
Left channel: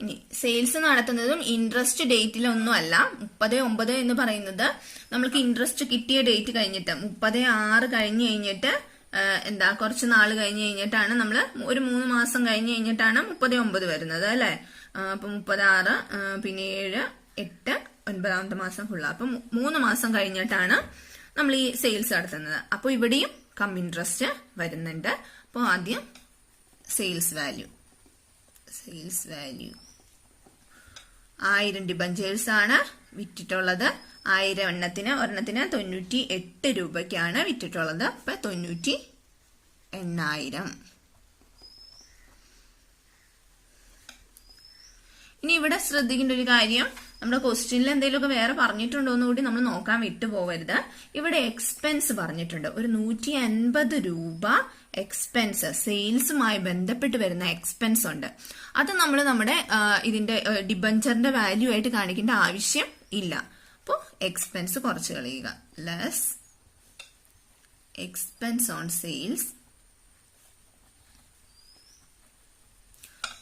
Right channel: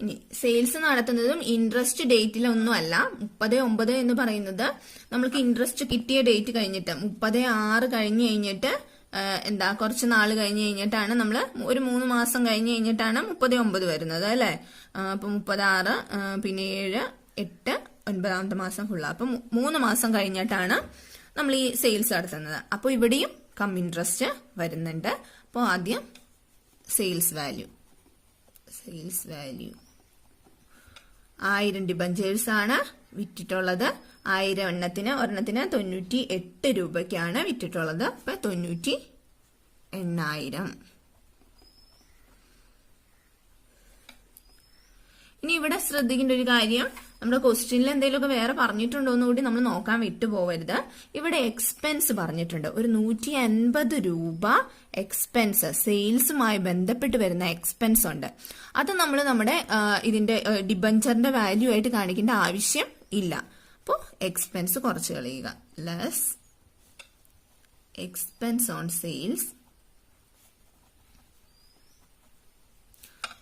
ഇനി സെയിൽസ് നടത്തുന്നതും ഇൻട്രസ്റ്റ് ഡേറ്റിലൊന്നും അല്ല. 30/9 എന്ന് പറയുന്നത് നമ്മൾക്ക് ഇൻട്രസ്റ്റ് കിട്ടിയ ഡേറ്റ് കഴിഞ്ഞിട്ട് 30/6 കഴിഞ്ഞ് കഴിഞ്ഞിട്ട് കുറച്ച് നാൾ കഴിഞ്ഞ് കഴിഞ്ഞിട്ടാണ് നമ്മൾ ഒരു 3 മാസം കഴിഞ്ഞ് കഴിഞ്ഞിട്ടാണ് 30/9 വരുന്നത് അല്ലെ. അപ്പൊ 36 പിന്നെ 7 8 9ാമത്തെ മാസം ഫുള്ള്. അപ്പൊ 3 മാസം കഴിഞ്ഞിട്ടാണ് നമ്മൾ ഈ സെയിൽസ് നടത്തുന്നത്. അപ്പൊ ഇവിടെയും കം ഇൻട്രസ്റ്റ് വരുന്നുണ്ട്. അപ്പൊ ആദ്യം സെയിൽസ് വാല്യൂ 1000 ഡിബഞ്ചേഴ്സ് ആണ് വിറ്റിട്ടുള്ളത്. 1000 ഒരെണ്ണത്തിന് 98 രൂപയ്ക്കാണ് വിറ്റിട്ടുള്ളത്. അപ്പൊ 98,000. ഇനി ഇവിടെ ശ്രദ്ധിക്കേണ്ട ഒരു കാര്യം, നമ്മുടെ ക്വസ്റ്റ്യനിൽ എന്തെങ്കിലുമൊക്കെ വേറെ പറഞ്ഞിട്ടുണ്ടോ എന്ന് കൂടി നമ്മൾ നോക്കാൻ വിട്ടുപോകരുത്. ഇവിടെ എക്സ്പെൻസ് പറഞ്ഞിട്ടുണ്ട്. ഒരു 150 രൂപ എക്സ്പെൻസ്, സെയിൽസുമായി ബന്ധപ്പെട്ട് വരുന്ന എക്സ്പെൻസ് ഉണ്ട്. അത് നമ്മൾ നമ്മുടെ ഇതിന്റെ ഡിബഞ്ചറിന്റെ വാല്യൂ ആയിട്ട് കാണിക്കേണ്ട ആവശ്യം ഇല്ല. അപ്പോൾ എക്സ്പെൻസ് കുറച്ച് കളയുക. ലെസ് എക്സ്പെൻസ് ഓൺ സെയിൽസ്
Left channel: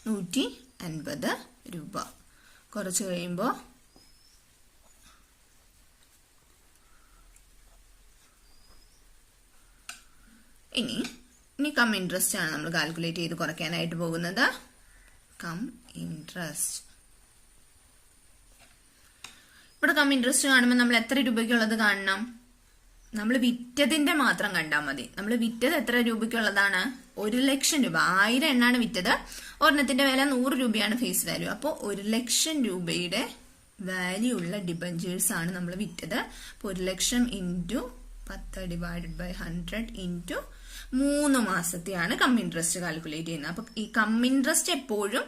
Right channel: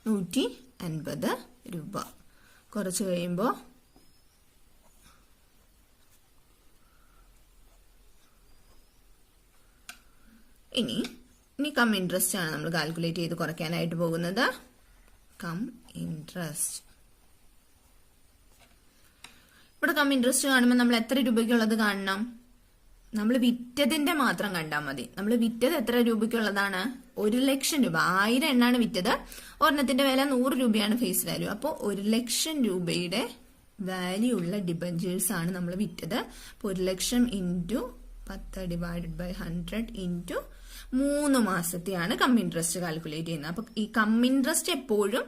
150 രൂപ. കുറച്ച് കഴിയുമ്പോൾ ഇനി കം ഇൻട്രസ്റ്റ് ആണ് നമ്മൾ കാൽക്കുലേറ്റ് ചെയ്ത് കുറയ്ക്കാനായിട്ട് പോകുന്നത്. കം ഇൻട്രസ്റ്റ്, ഇവിടെ കം ഇൻട്രസ്റ്റ് കാണുമ്പോൾ നമ്മൾ എത്ര രൂപയ്ക്കുള്ളത് കാണണം? നമ്മൾ വിറ്റതിന്റെ മാത്രം കണ്ടാൽ മതി. നമ്മൾ വിറ്റത് എത്ര രൂപയ്ക്കുള്ളതാണ്? 1,00,000 രൂപ. 1000 എണ്ണാണ് വിറ്റത്. ഒരെണ്ണത്തിന്റെ വില 100 രൂപയാണ് ഫേസ് വാല്യൂ. അപ്പോൾ 1,00,000 രൂപയുടെ വാല്യൂ ഉള്ള ഡിബഞ്ചേഴ്സ് ആണ് നമ്മൾ വിറ്റത്. അപ്പോൾ 1,00,000 ഇൻറ്റു 10/100 ഇൻറ്റു 3 മാസത്തെയാണ് കം ഇൻട്രസ്റ്റ് കാൽക്കുലേറ്റ് ചെയ്യുന്നത്. അപ്പൊ ഈ കം ഇൻട്രസ്റ്റ് എപ്പോഴും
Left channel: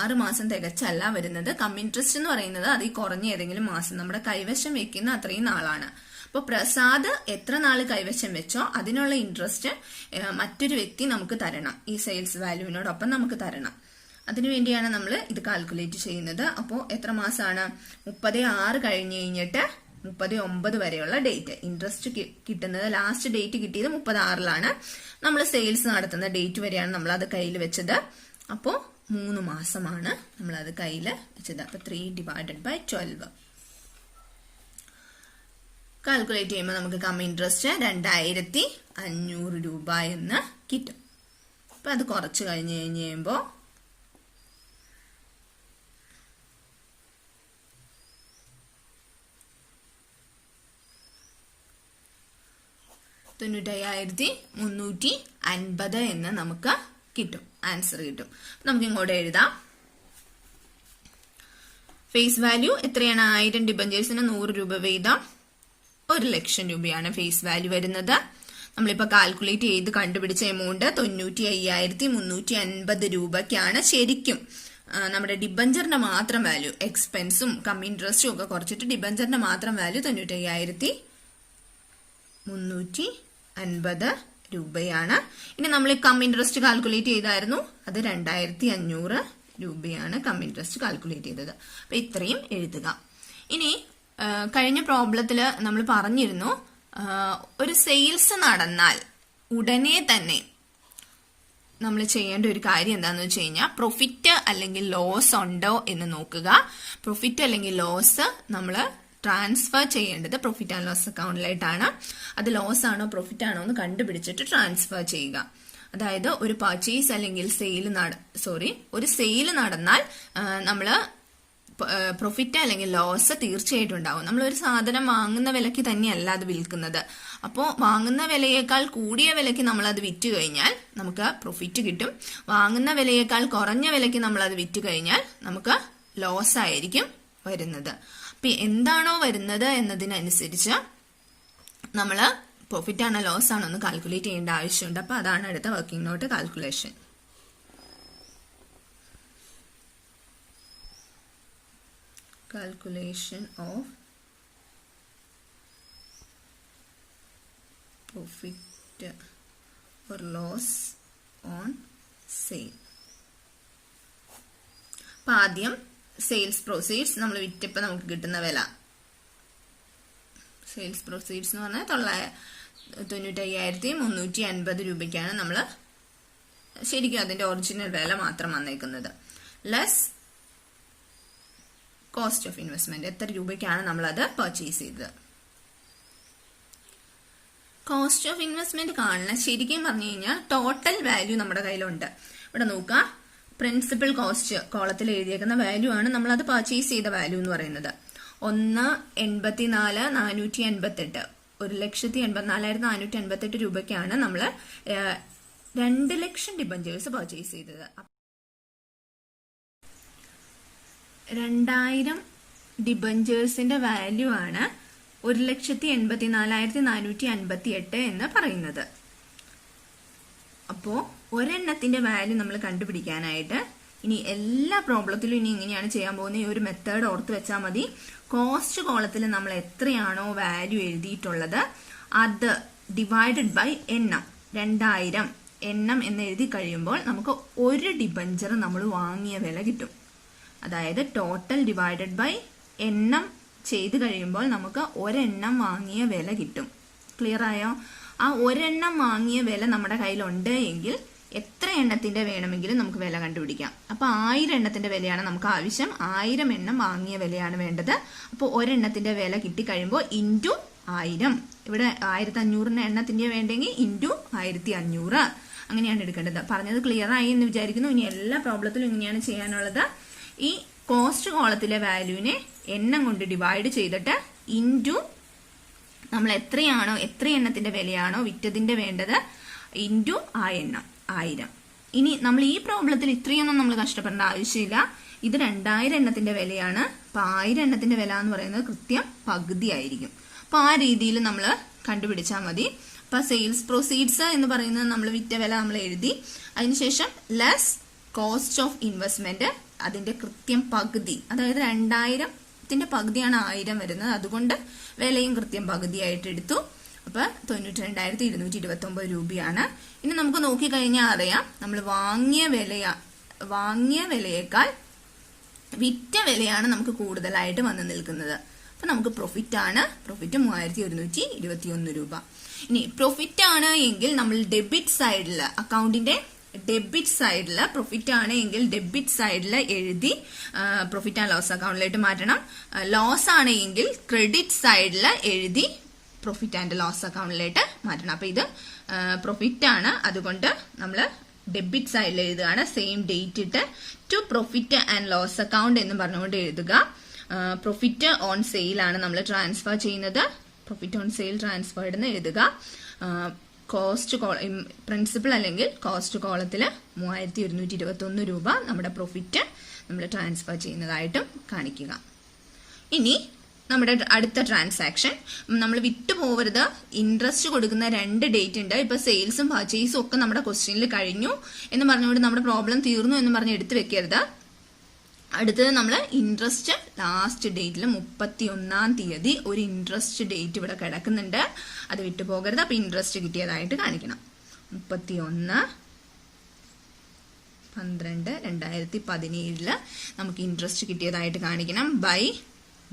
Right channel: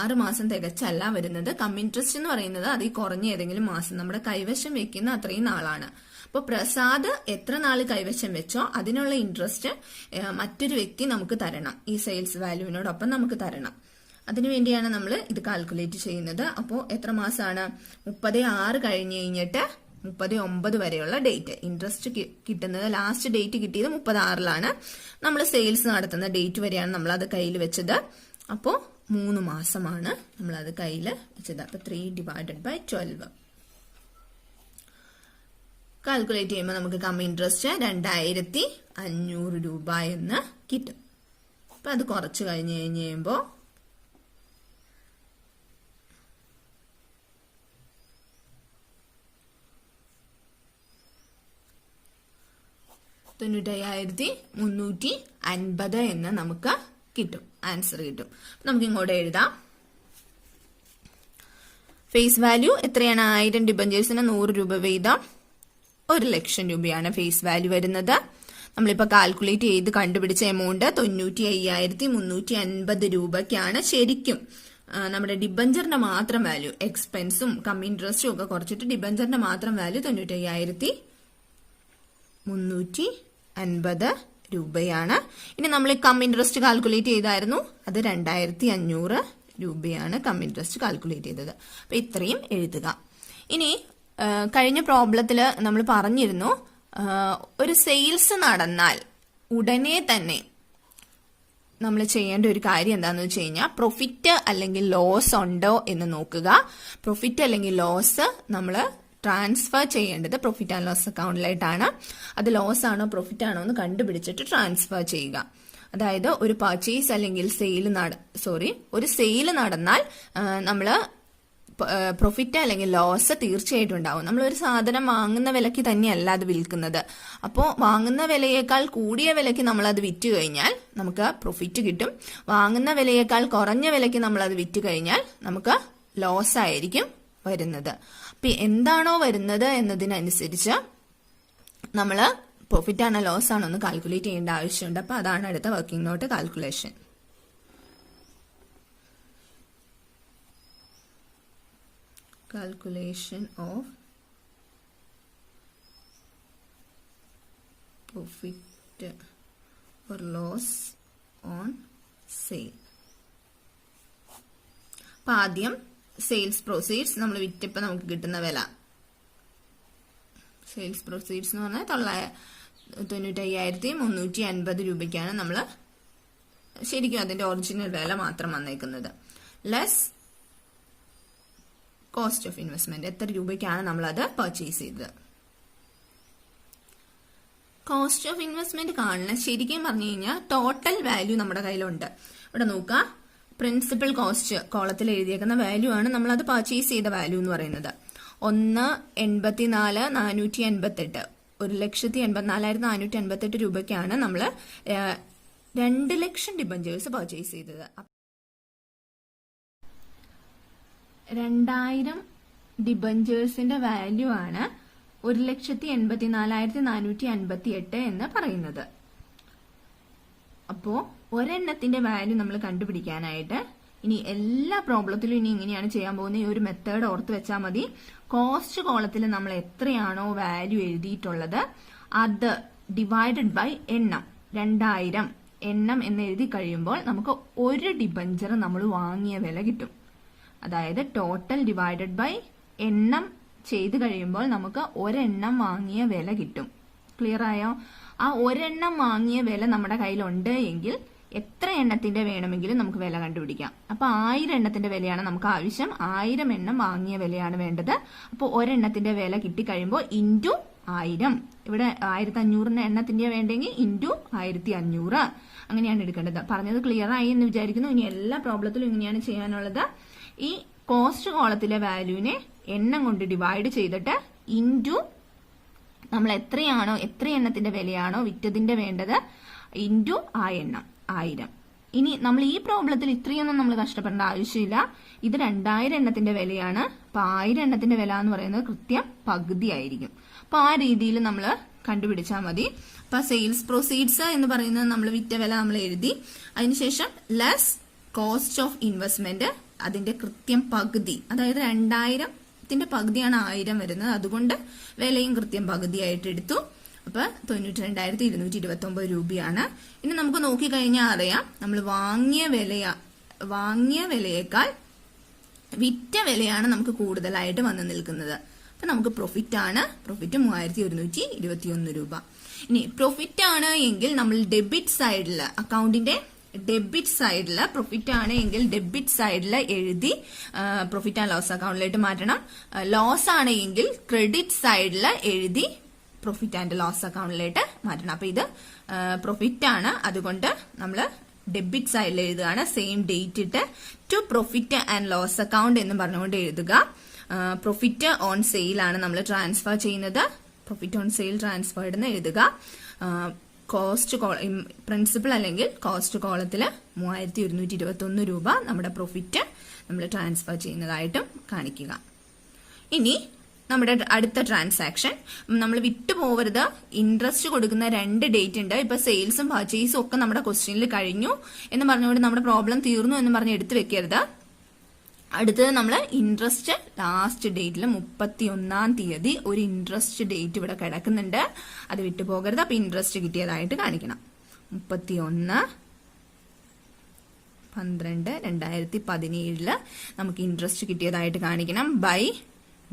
6 മാസം തികച്ചല്ല വരുന്നത്. കം ഇൻട്രസ്റ്റ് എന്ന് പറയുന്നത് അത് ഈ കുറഞ്ഞ ഏതെങ്കിലും മാസം നമ്മുടെ കൈവശം വെക്കുന്ന അത്രയും നാളാണ്. അപ്പൊ പ്രസാദ് എത്ര നാൾ കൈവശം വെച്ചോ അതിനുള്ള ഇൻട്രസ്റ്റ് മറ്റൊരു വ്യക്തി നമുക്ക് തരണം. ഈ സെയിൽസ് വാല്യൂവിനോടൊപ്പം നമുക്ക് തരണം. അതിനുവേണ്ടിയാണ് നമ്മൾ ഇത് കാൽക്കുലേറ്റ് ചെയ്യുന്നത്. അപ്പോൾ എത്ര മാസമാണ്? 30/6 കഴിഞ്ഞ് കഴിഞ്ഞിട്ട് 30/9 വരെയുള്ള ഡേറ്റ്. ഇൻട്രസ്റ്റ് കിട്ടുന്നത് ലാസ്റ്റ് ഡേറ്റ് കിട്ടിയത് 30/6ലാണ്. നമ്മൾ സെയിൽസ് നടത്തുന്ന ഡേറ്റ് വരെയാണ് നമ്മൾ അത് കയ്യിൽ വെച്ചത്. അപ്പോൾ 3 മാസമാണ് നമ്മൾ അത് കയ്യിൽ വെച്ചത്. അപ്പൊ 3/12 കാൽക്കുലേറ്റ് ചെയ്യുമ്പോൾ നമുക്ക് കം ഇൻട്രസ്റ്റ് 2,500 രൂപ എന്ന് കിട്ടും. അപ്പൊ അത് കുറച്ച് കഴിഞ്ഞ് കഴിയുമ്പോൾ 95,350 എന്ന് നമുക്ക് കിട്ടും. ആൻസർ കിട്ടും. നമുക്ക് ഇങ്ങോട്ട് എഴുതാം. ഫേസ് വാല്യൂ എത്രയാണ്? 1000 ഡിബഞ്ചേഴ്സിന് 100 രൂപ വീതം 1,00,000 രൂപയാണ് ഫേസ് വാല്യൂ വരുന്നത്. നമ്മളിപ്പോ കാൽക്കുലേറ്റ് ചെയ്ത് കണ്ടുപിടിച്ച എമൗണ്ട് 95,350 രൂപയ്ക്കാണ് ശരിക്കും നമ്മുടെ ഡിബഞ്ചറിന്റെ മാത്രം വാല്യൂ. എക്സ്പെൻസും കം ഇൻട്രസ്റ്റും ഒക്കെ കുറച്ചിട്ട് ഡിബഞ്ചറിന്റെ മാത്രം വാല്യൂ 95,350 രൂപയാണ്. ഇനി നമ്മൾ കം ഇൻട്രസ്റ്റ് കാൽക്കുലേറ്റ് ചെയ്തായിരുന്നു. അത് 2,500 രൂപയാണ് കം ഇൻട്രസ്റ്റ് കാൽക്കുലേറ്റ് ചെയ്തത്. അപ്പൊ ഇത്രയും എഴുതുക. ഇനി കഴിഞ്ഞ പ്രോബ്ലത്തില് നമ്മൾ പറഞ്ഞിരുന്നു, ഒരു സെയിൽസ് നടന്നാൽ ഉടനെ തന്നെ നമ്മൾ ചെയ്യേണ്ട ഒരു കാര്യം എന്താണെന്ന് വെച്ച് കഴിഞ്ഞാൽ പ്രോഫിറ്റ് അല്ലെങ്കിൽ ലോസ് ഉണ്ടോ എന്ന് നോക്കുക. പ്രോഫിറ്റ് അല്ലെങ്കിൽ ലോസ് നമ്മൾ ട്രാൻസ്ഫർ ചെയ്യേണ്ടത് പ്രോഫിറ്റ് ആൻഡ് ലോസ് അക്കൗണ്ടിലായിട്ടാണ്. അത് ലോസ് ആണോ പ്രോഫിറ്റ് ആണോ എന്ന് കണ്ടുപിടിച്ചിട്ട് ട്രാൻസ്ഫർ ചെയ്യുക. അതായത് ഒരു പർച്ചേസ് അല്ലെങ്കിൽ ഒരു സെയിൽ നടന്നാൽ നമ്മൾ പ്രോഫിറ്റ് അല്ലെങ്കിൽ ലോസ് തീർച്ചയായിട്ടും ഉണ്ടാവും. നമ്മളൊരു സാധനം വാങ്ങുന്ന വിലയ്ക്ക് തന്നെയല്ല അത് വിൽക്കുന്നത്. അപ്പോൾ വാങ്ങുന്ന വിലയേക്കാൾ കൂടിയ വിലയ്ക്ക് നമ്മൾ അത് വിറ്റ് കഴിഞ്ഞാൽ നമുക്ക് പ്രോഫിറ്റ് കിട്ടും. വാങ്ങുന്ന വിലയേക്കാൾ കുറഞ്ഞ വിലയ്ക്ക് നമ്മൾ അത് വിറ്റ് കഴിഞ്ഞാൽ നമുക്ക് ലോസ് ആയിരിക്കും വരുന്നത്. അപ്പൊ എന്താണോ വരുന്നത് എന്നതിനനുസരിച്ച് നമ്മൾ പ്രോഫിറ്റ് ആണോ ലോസ് ആണോ എന്ന് കാൽക്കുലേറ്റ് ചെയ്യേണ്ട ആവശ്യമുണ്ട്. അപ്പൊ അതാണ് അടുത്ത working not calculation. Calculation of profit or loss on sale. അപ്പൊ ആദ്യം സെയിൽസ് പ്രൊസീഡ്സ് നമ്മൾ വിറ്റപ്പോൾ നമുക്ക് കിട്ടുന്ന വില. സെയിൽസ് പ്രൊസീഡ്സ് എന്ന് പറഞ്ഞാൽ 95,350 രൂപയ്ക്കാണ് നമ്മൾ ശരിക്കും അതിന്റെ ഒറിജിനൽ വില മാത്രം വന്നേക്കുന്നത്. ലെസ് കോസ്റ്റ് ഓഫ് ഇൻവെസ്റ്റ്മെന്റ്, എത്ര രൂപയ്ക്കാണ് നമ്മൾ അത് പർച്ചേസ് ചെയ്തത്. കോസ്റ്റ് ഓഫ് ഇൻവെസ്റ്റ്മെന്റ് കാണണം. ശരിക്കും പറഞ്ഞു കഴിഞ്ഞാൽ ടോട്ടൽ വാല്യൂ നമ്മുടെ കയ്യിലുണ്ട്. ഇവിടെ നോക്കുക, പ്രിൻസിപ്പൽ കോസ്റ്റ് കോളത്തിൽ എഴുതിയേക്കുന്ന വാല്യൂ ആണ് നമ്മൾ അത് പർച്ചേസ് ചെയ്ത വാല്യൂ എന്ന് പറയുന്നത്. 1,84,488 1,84,488 രൂപയ്ക്കാണ് നമ്മൾ 2 ലക്ഷം ഡിബഞ്ചേഴ്സ് പർച്ചേസ് ചെയ്തത്. 2000 ഡിബഞ്ചേഴ്സിന്റെ വാല്യൂ ആണ് 1,84,458 എന്ന് പറയുന്നത്. അപ്പോ ഒരെണ്ണത്തിന്റെ വാല്യൂ നമ്മൾ കണ്ടുപിടിക്കാനായിട്ട് ഇനി എല്ലാ പ്രോബ്ലത്തിലും ഇനി ഇങ്ങനെയാണ് ചെയ്യാൻ പോകുന്നത്. ഈ ഒരു മെത്തേഡ് ഓർത്ത് വെച്ചാൽ മതി. കോസ്റ്റ് കോളത്തിൽ നമ്മൾ എത്രയാണോ വാല്യൂ എഴുതിയിട്ടുള്ളത് അത് ഡിവൈഡഡ് ബൈ എണ്ണം, 2000 എണ്ണം എന്ന് എഴുതി കഴിയുമ്പോൾ നമുക്ക് ഒരു ഡിബഞ്ചർ നമ്മൾ വാങ്ങിയ വില കിട്ടും. അതായത് ടോട്ടൽ ഡിവൈഡഡ് ബൈ എണ്ണം ചെയ്ത് കഴിയുമ്പോൾ നമുക്ക് ഒരെണ്ണം വാങ്ങിയ വില കിട്ടും. ക്ലിയർ ആയോ? ആ ഒരെണ്ണം വാങ്ങിയ വില നമ്മുടെ കയ്യിലുണ്ട് എങ്കിൽ എത്ര എണ്ണത്തിന്റെ വേണമെങ്കിലും നമുക്ക് വില കണ്ടുപിടിക്കാം. അപ്പൊ 1000 എണ്ണത്തിന്റെ വിലയാണ് നമുക്ക് ആവശ്യം. 1000 എണ്ണം വാങ്ങിയ വിലയാണ് വേണ്ടത്. അപ്പോൾ ഒരെണ്ണത്തിന്റെ വില കിട്ടിക്കഴിയുമ്പോൾ ഇൻറ്റു 1000. ഇവിടെ 1500 എണ്ണത്തിന്റെ വേണ്ടെങ്കിൽ ഇൻറ്റു 1500 അങ്ങനെയാണ് എടുക്കേണ്ടത്. പറഞ്ഞത് ക്ലിയർ ആയി എന്ന് വിചാരിക്കുന്നു. ഇനി എല്ലാ പ്രോബ്ലത്തിലും ഇങ്ങനെയാണ് ചെയ്യാനുള്ളത്. ഈ കോസ്റ്റ് കോളത്തിലെ വാല്യൂവിനെ എണ്ണം കൊണ്ട് ഡിവൈഡ് ചെയ്തിട്ട് ഇൻറ്റു നമ്മൾ എത്ര എണ്ണത്തിന്റെ വിലയാണോ വിറ്റതിന്റെ വേണ്ടത് ഇൻറ്റു ആ എണ്ണം 1000. ഇനി നമ്മൾ ഈ പ്രോബ്ലത്തിൽ ഇത്രയൊന്നും നമ്മൾ കഷ്ടപ്പെടേണ്ട ആവശ്യമില്ല. ഇത് 2000 എണ്ണത്തിന്റെ വിലയാണ്. അപ്പൊ 1000 എണ്ണത്തിന്റെ വില എന്ന് പറയുന്നത് കൃത്യം പകുതി ആയിരിക്കും. അപ്പൊ ആ രീതിയിൽ നമ്മൾ കണ്ടുപിടിച്ചാൽ മതി. അപ്പൊ സെയിൽസ് പ്രൊസീഡ്സ് എന്ന് പറയുന്നത് നമ്മൾ വിറ്റ വില നമ്മൾ എഴുതി. അതിനുശേഷം ലെസ് കോസ്റ്റ് ഓഫ് ഇൻവെസ്റ്റ്മെന്റ്, അതിന്റെ കൃത്യം പകുതി, അതായത് 2000ത്തിന്റെ പകുതിയാണ് 1000 വരുന്നത്. അതുകൊണ്ട് വിലയും കൃത്യം പകുതിയായിട്ട് എടുത്തു. അപ്പൊ 92,229 രൂപയാണ്. ഇനി നമുക്ക് നോക്കിക്കഴിഞ്ഞാൽ അറിയാം നമ്മൾ വാങ്ങിയ വിലയേക്കാൾ വിറ്റ വിലയാണ് നമുക്ക് കൂടുതലായിട്ട് വന്നു നിൽക്കുന്നത്. അപ്പൊ നമുക്ക് പ്രോഫിറ്റ് ആണ്. പ്രോഫിറ്റ് 3,121 രൂപ. ഇനി പ്രോഫിറ്റ് ആണ് എങ്കിൽ നമ്മൾ ഡെബിറ്റ് സൈഡിൽ, അക്കൗണ്ടിന്റെ ഡെബിറ്റ് സൈഡിൽ പ്രോഫിറ്റ് ആണ് എങ്കിൽ ഡെബിറ്റ് സൈഡിൽ എഴുതി പ്രോഫിറ്റ് ആൻഡ് ലോസ് അക്കൗണ്ടിലേക്ക് മാറ്റണം. ലോസ് ആണ് എങ്കിൽ ക്രെഡിറ്റ് സൈഡിൽ എഴുതി പ്രോഫിറ്റ് ആൻഡ് ലോസ് അക്കൗണ്ടിലേക്ക് മാറ്റണം. അപ്പൊ ഇത് പ്രോഫിറ്റ് ആണ്, അതുകൊണ്ട് നമ്മൾ ഡെബിറ്റ് സൈഡിൽ എഴുതുകയാണ്. സെയിം ഡേറ്റ് ഇട്ട് to profit and loss account എന്ന് പറഞ്ഞുകൊണ്ട് എഴുതുക. പ്രോഫിറ്റ് ഓൺ സെയിൽ ആണ് നമ്മൾ ട്രാൻസ്ഫർ ചെയ്യുന്നത്. പ്രോഫിറ്റ് ഓൺ സെയിൽ ട്രാൻസ്ഫേർഡ് എന്ന് എഴുതുക. കോസ്റ്റ് പ്രിൻസിപ്പൽ അല്ലെങ്കിൽ കോസ്റ്റ് കോളത്തില് 3,121 രൂപ നമ്മുടെ പ്രോഫിറ്റ് നമ്മൾ ട്രാൻസ്ഫർ ചെയ്യുന്നതായിട്ടും കാണിക്കുക. ഇനി നമ്മുടെ അടുത്ത ട്രാൻസാക്ഷൻ നമ്മൾ വിട്ടുപോകരുത്. ഇൻട്രസ്റ്റ് കൊടുക്കുന്ന 2 ഡേറ്റ് ഉണ്ട്. ഇപ്പൊ സെയിൽസും പർച്ചേസും ഒക്കെ നമ്മുടെ ക്വസ്റ്റ്യനിൽ കഴിഞ്ഞു എന്ന് പറഞ്ഞുകൊണ്ട് നമ്മുടെ പ്രോബ്ലം തീർന്നു എന്ന് പറഞ്ഞ് എടുത്തു വെക്കരുത്. അടുത്തത് നമ്മൾ ഇൻട്രസ്റ്റ് ലാസ്റ്റ് ഡേറ്റിൽ 31-ാം തീയതി ഒരു ഇൻട്രസ്റ്റ് ഡേറ്റ് ഇവിടെ കിടക്കുന്നുണ്ട്. അത് വിട്ടുപോകരുത്. അപ്പൊ ഇൻട്രസ്റ്റ് കിട്ടിയതായിട്ട് കാണിക്കണം. 31/12/2017 നമുക്ക് ഇൻട്രസ്റ്റ് കിട്ടിയതായിട്ട് കാണിക്കണം. ബൈ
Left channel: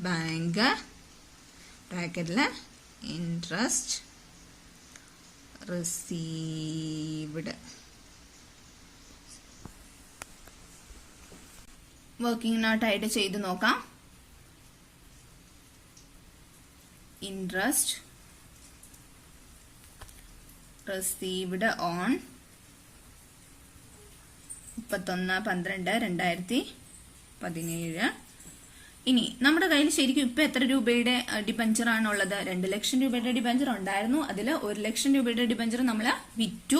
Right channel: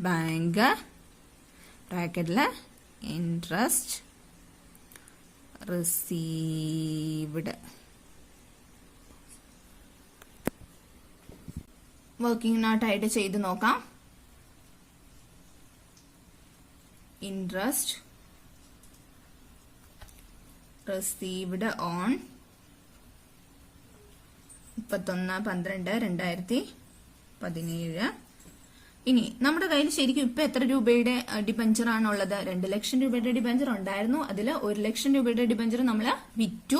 ബാങ്ക് ബ്രാക്കറ്റില് ഇൻട്രസ്റ്റ് റിസീവ്ഡ്. വർക്കിംഗ് നോട്ടായിട്ട് ചെയ്ത് നോക്കാം. Interest received on 31/12/2017. ഇനി നമ്മുടെ കയ്യിൽ ശരിക്കും ഇപ്പൊ എത്ര രൂപയുടെ ഡിബഞ്ചർ ആണുള്ളത്? 2 ലക്ഷം രൂപയുടെ ഡിബഞ്ചർ ഉണ്ടായിരുന്നു. അതിൽ 1 ലക്ഷം രൂപയുടെ ഡിബഞ്ചർ നമ്മൾ വിറ്റു.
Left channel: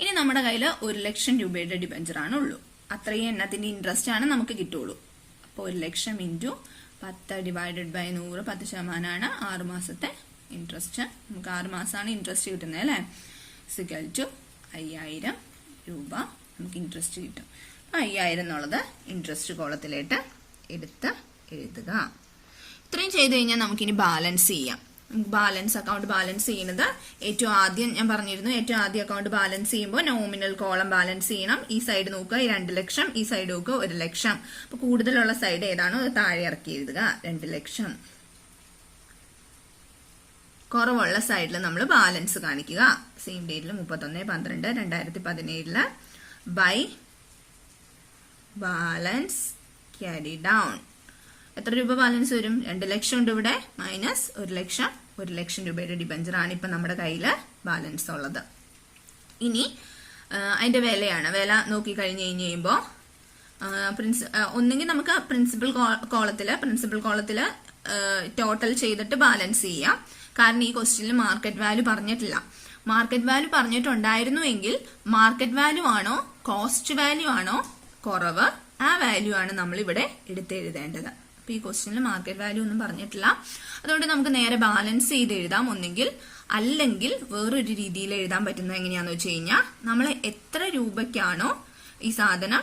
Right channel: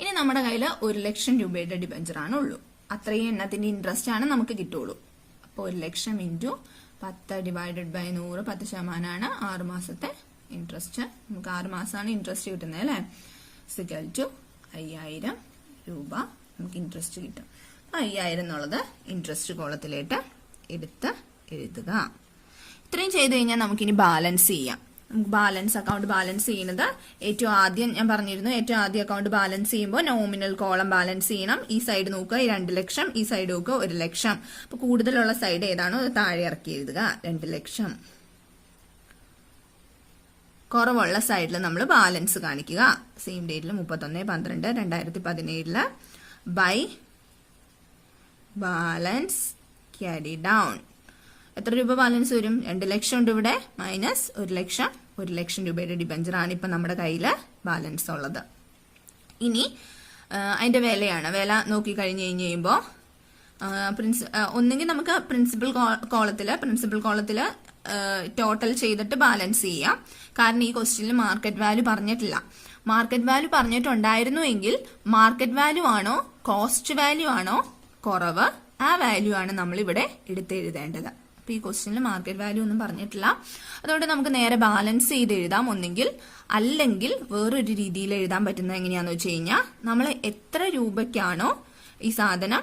ഇനി നമ്മുടെ കയ്യിൽ 1 ലക്ഷം രൂപയുടെ ഡിബഞ്ചർ ആണ് ഉള്ളൂ. അത്രയും എണ്ണത്തിന്റെ ഇൻട്രസ്റ്റ് ആണ് നമുക്ക് കിട്ടുള്ളൂ. അപ്പോൾ 1 ലക്ഷം ഇൻറ്റു 10 ഡിവൈഡഡ് ബൈ 100, 10% 6 മാസത്തെ ഇൻട്രസ്റ്റ്. നമുക്ക് 6 മാസമാണ് ഇൻട്രസ്റ്റ് കിട്ടുന്നത് അല്ലെ? ഇക്വൽ ടു 5000 രൂപ നമുക്ക് ഇൻട്രസ്റ്റ് കിട്ടും. 5000 എന്നുള്ളത് ഇൻട്രസ്റ്റ് കോളത്തിലേക്ക് എടുത്ത് എഴുതുക. ഇത്രയും ചെയ്ത് കഴിഞ്ഞാൽ നമുക്കിനി ബാലൻസ് ചെയ്യാം. നമുക്ക് ബാലൻസ് അക്കൗണ്ട് ബാലൻസ് ചെയ്യുന്നത് ഏറ്റവും ആദ്യം ഞാൻ പറഞ്ഞിരുന്നു, ഏറ്റവും ആദ്യം അക്കൗണ്ട് ബാലൻസ് ചെയ്യുമ്പോൾ നോമിനൽ കോളം ബാലൻസ് ചെയ്യണം. ഈ സൈഡ് നോക്കുക 2 ലക്ഷം, ഈ സൈഡ് നോക്കുക 1 ലക്ഷം. അപ്പൊ കൂടുതലുള്ള സൈഡ് ഏതാണോ അത് താഴെ ഇറക്കി എഴുതുക 2 ലക്ഷം. കുറവുള്ള സൈഡിൽ നമ്മൾ ബാലൻസ് കാണിക്കുക. സെയിം ഡേറ്റിൽ 31/12/2017 ബൈ ബാലൻസ് ക്യാരി ഡൗൺ. എത്ര രൂപ ബാലൻസ് വരും? 2 ലക്ഷം ഉണ്ട് ഇവിടെ, മൈനസ് 1 ലക്ഷം രൂപയുടെ ഡിബഞ്ചർ ആണ് ഇപ്പൊ നമ്മുടെ കയ്യില് ബാലൻസ് ഉള്ളത്. ഇനി അതിന്റെ വിലയാണ്. വില നോക്കി കഴിഞ്ഞ് കഴിയുമ്പോ ഒന്നുകിൽ നമുക്ക് പ്രിൻസിപ്പൽ കോളത്തില് ടോട്ടൽ ചെയ്തിട്ട് ബാലൻസ് ചെയ്യാം. കാരണം ഈ ക്വസ്റ്റ്യനിൽ മാർക്കറ്റ് വാല്യൂ പറഞ്ഞിട്ടില്ല. മാർക്കറ്റ് വാല്യൂ പറഞ്ഞിട്ടുണ്ടായിരുന്നു എങ്കിൽ മാർക്കറ്റ് വാല്യൂ ആണോ കോസ്റ്റ് വാല്യൂ ആണോ കുറവ്, ആ വാല്യൂ ആണ് നമ്മൾ ഇവിടെ എടുത്തെഴുതേണ്ടത്. അപ്പൊ ഈ ക്വസ്റ്റ്യനിൽ മാർക്കറ്റ് വാല്യൂ ഒന്നും പറഞ്ഞിട്ടില്ല. അതുകൊണ്ട് നമുക്ക് നേരെ ബാലൻസ് ചെയ്ത് എഴുതാം ഒന്നെങ്കിൽ, അല്ലെങ്കിൽ വേറൊരു രീതിയിൽ എഴുതാൻ പറ്റുന്നത് എങ്ങനെയാന്ന് വെച്ച് കഴിഞ്ഞാൽ നമ്മൾ എത്ര രൂപയ്ക്കാണോ ഈ സാധനം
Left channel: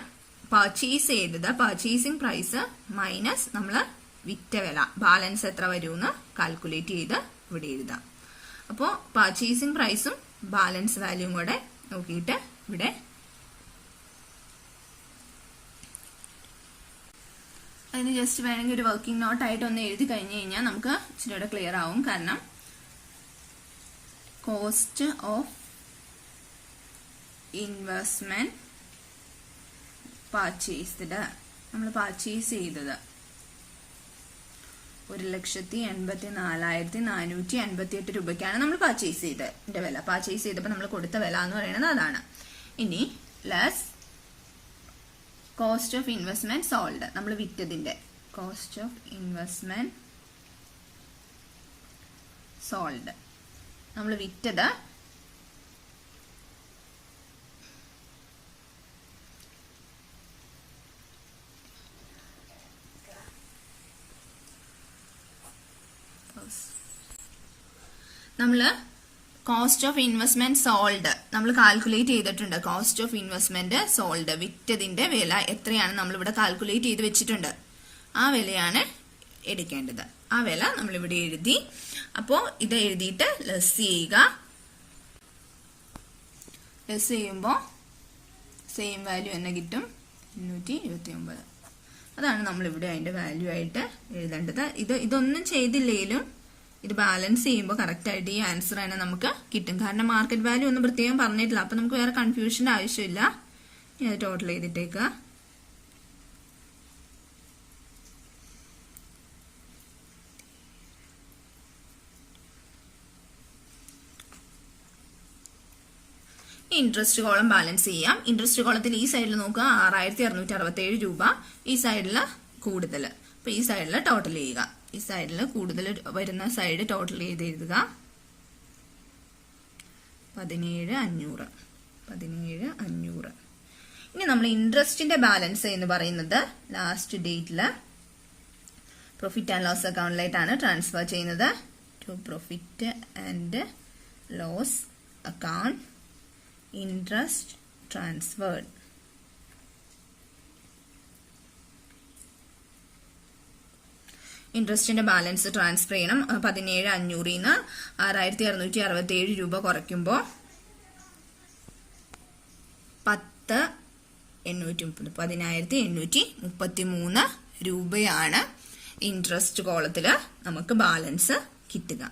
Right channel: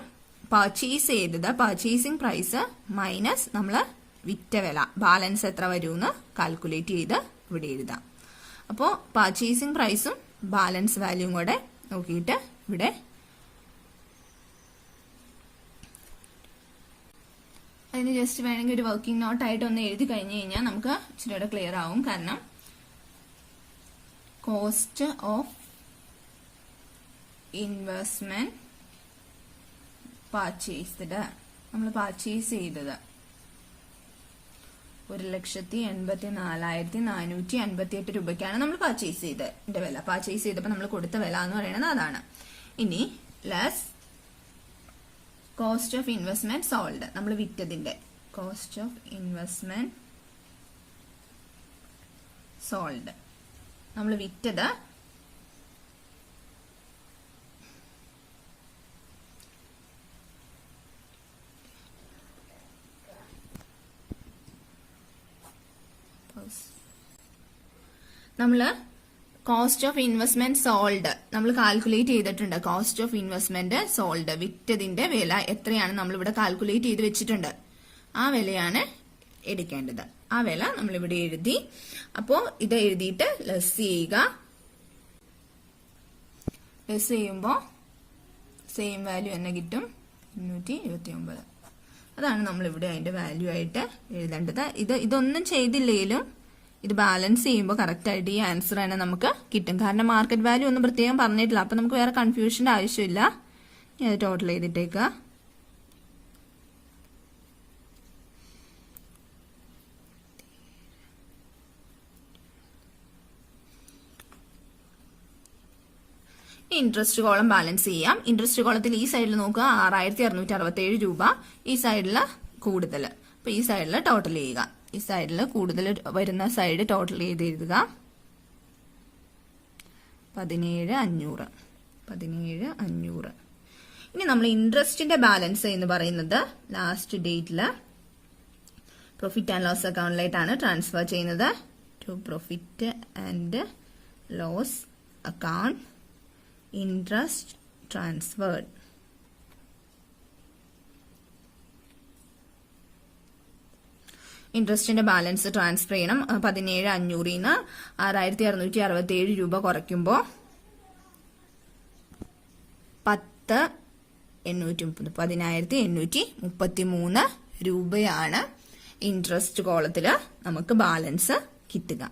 പർച്ചേസ് ചെയ്തത്, പർച്ചേസിംഗ് പ്രൈസ് മൈനസ് നമ്മൾ വിറ്റ വില, ബാലൻസ് എത്ര വരുമെന്ന് കാൽക്കുലേറ്റ് ചെയ്ത് ഇവിടെ എഴുതാം. അപ്പോൾ പർച്ചേസിംഗ് പ്രൈസും ബാലൻസ് വാല്യൂയും കൂടെ നോക്കിയിട്ട് ഇവിടെ അതിന് ജസ്റ്റ് വേണമെങ്കിൽ ഒരു വർക്കിംഗ് നോട്ട് ആയിട്ട് ഒന്ന് എഴുതി കഴിഞ്ഞു കഴിഞ്ഞാൽ നമുക്ക് ഇച്ചിരി ക്ലിയർ ആവും. കാരണം കോസ്റ്റ് ഓഫ് ഇൻവെസ്റ്റ്മെന്റ് പർച്ചേസ്ഡ്, നമ്മൾ പർച്ചേസ് ചെയ്തത് 1,84,458 രൂപയ്ക്കാണ് നമ്മൾ പർച്ചേസ് ചെയ്തതിന്റെ വില. പർച്ചേസ് ചെയ്തപ്പോൾ നമ്മൾ കൊടുത്ത വില എന്ന് പറയുന്നത് അതാണ്. ഇനി less cost of investment sold, നമ്മൾ വിറ്റതിന്റെ കോസ്റ്റ് ഓഫ് ഇൻവെസ്റ്റ്മെന്റ് സോൾഡ്, നമ്മൾ വിറ്റത് കോസ്റ്റ് ഓഫ് ഇൻവെസ്റ്റ്മെന്റ് സോൾഡ് നമ്മൾ കാൽക്കുലേറ്റ് ചെയ്തിട്ടുണ്ട്. കോസ്റ്റ് ഓഫ് ഇൻവെസ്റ്റ്മെന്റ് സോൾഡ്, വിറ്റതിന്റെ വില എത്രയാണ് നമ്മൾ ഇവിടെ കാൽക്കുലേറ്റ് ചെയ്ത് വെച്ചിട്ടുണ്ട്. ആ വിലയാണ് എടുക്കേണ്ടത്. ആ വില നമ്മൾ ഇവിടെ എഴുതി. അപ്പോ ഇത് എഴുതിയിട്ട് ലെസ് ചെയ്യുക. ലെസ് ചെയ്യുമ്പോൾ സെയിം വാല്യൂ തന്നെ കിട്ടും, 229. അതാണ് നമ്മൾ ഇവിടെ അതിന്റെ വാല്യൂ ആയിട്ട് എഴുതേണ്ടത്. ഇതൊന്നും ചെയ്തില്ലെങ്കിലും ഇത് ബാലൻസ് ചെയ്യുമ്പോൾ കറക്റ്റ് ആയിട്ട് ഈ ആൻസർ തന്നെ നമുക്ക് കിട്ടും. കാരണം മാർക്കറ്റ് വാല്യൂ ഒന്നും പ്രത്യേകം പറഞ്ഞിട്ടില്ല. അപ്പൊ നമുക്ക് വേറെ കൺഫ്യൂഷന്റെ ആവശ്യമില്ല. ഇനി അത് ടോട്ടൽ ചെയ്തിട്ടേക്കുക. ഇൻട്രസ്റ്റ് കോളം ബാലൻസ് ചെയ്യാം. ഇൻട്രസ്റ്റ് കോളത്തിൽ ഈ സൈഡിൽ നോക്കുക 6,667 രൂപ, ഈ സൈഡിൽ കൂടുതൽ. അപ്പൊ ഈ സൈഡിൽ ടോട്ടൽ ചെയ്യുക. ഈ സൈഡിൽ കൂടുതൽ വരുന്ന സൈഡ് ടോട്ടൽ ചെയ്ത് എഴുതുക. 17,500. ഇനി നമ്മൾ ഇൻട്രസ്റ്റിന്റെ ബാലൻസ് എന്ന് പറയുന്നത് ലാസ്റ്റ് ഡേറ്റില് പ്രോഫിറ്റ് ആൻഡ് ലോസ് അക്കൗണ്ടിലായിട്ടാണ് ട്രാൻസ്ഫർ ചെയ്യുന്നത്. To profit and loss account interest transferred. ഇൻട്രസ്റ്റിന്റെ ബാലൻസ് ട്രാൻസ്ഫർ ചെയ്യണം. 17,500 നിന്ന് 6,667 രൂപ കുറയ്ക്കുമ്പോൾ 10,833 രൂപയാണ് ഇൻട്രസ്റ്റ് കോളത്തില് നമുക്ക് ബാലൻസ് കിട്ടുക.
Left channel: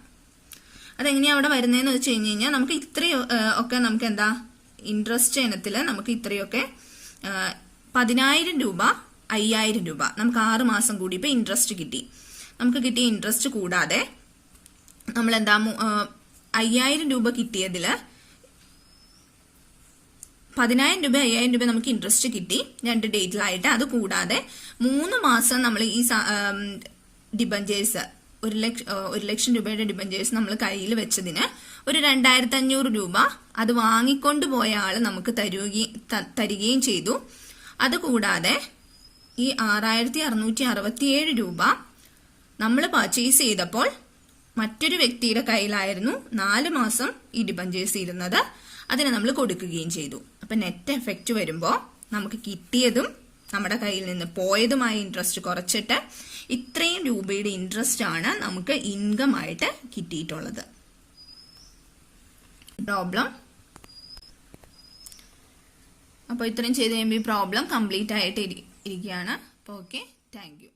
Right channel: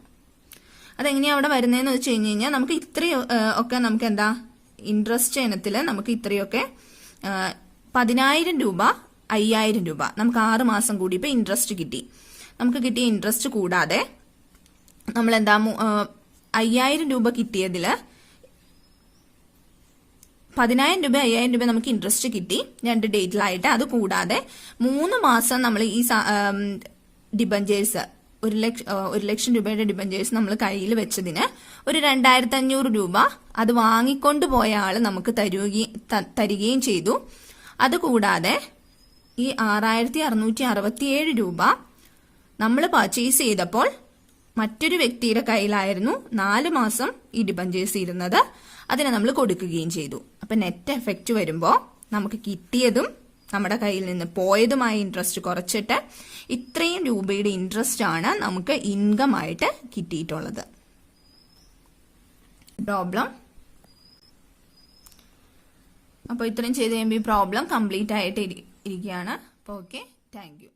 അതെങ്ങനെയാ അവിടെ വരുന്നതെന്ന് വെച്ച് കഴിഞ്ഞാൽ നമുക്ക് ഇത്രയും ഒക്കെ നമുക്ക് എന്താ ഇൻട്രസ്റ്റ് ഇനത്തില് നമുക്ക് ഇത്രയൊക്കെ 10,000 രൂപ 5,000 രൂപ നമുക്ക് 6 മാസം കൂടി ഇപ്പൊ ഇൻട്രസ്റ്റ് കിട്ടി. നമുക്ക് കിട്ടിയ ഇൻട്രസ്റ്റ് കൂടാതെ നമ്മൾ എന്താ 5,000 രൂപ കിട്ടിയതില് 10,000 രൂപ 5,000 രൂപ നമുക്ക് ഇൻട്രസ്റ്റ് കിട്ടി 2 ഡേറ്റിലായിട്ട്. അത് കൂടാതെ 3 മാസം നമ്മൾ ഈ ഡിബഞ്ചേഴ്സ് 1,00,000 രൂപയുടെ ഡിബഞ്ചേഴ്സ് നമ്മൾ കയ്യിൽ വെച്ചതിന് ഒരു 2,500 രൂപ അത് വാങ്ങിക്കൊണ്ട് പോയ ആള് നമുക്ക് തരികയും ചെയ്തു. അതുകൂടാതെ ഈ 6,667 രൂപ നമ്മൾ പർച്ചേസ് ചെയ്തപ്പോൾ മറ്റൊരു വ്യക്തിയുടെ കയ്യിലായിരുന്നു 4 മാസം ഈ ഡിബഞ്ചേഴ്സ് ഇരുന്നത്. അതിനെ നമ്മൾ കൊടുക്കുകയും ചെയ്തു. അപ്പൊ നെറ്റ് എഫക്റ്റ് വരുമ്പോൾ നമുക്ക് കിട്ടിയതും നമ്മുടെ കയ്യിൽ നിന്ന് പോയതുമായ ഇൻട്രസ്റ്റ് കുറച്ചിട്ട് ഇത്രയും രൂപയുടെ ഇൻട്രസ്റ്റ് ആണ് നമുക്ക് ഇൻകം ആയിട്ട് കിട്ടിയിട്ടുള്ളത്. പ്രോബ്ലം അപ്പോൾ ഇത്രയും ചെയ്ത് കഴിയുമ്പോൾ ഈ പ്രോബ്ലം കംപ്ലീറ്റ് ആയിട്ട് ഇരിക്കുകയാണ്. അപ്പോൾ ഓക്കെ, താങ്ക് യു.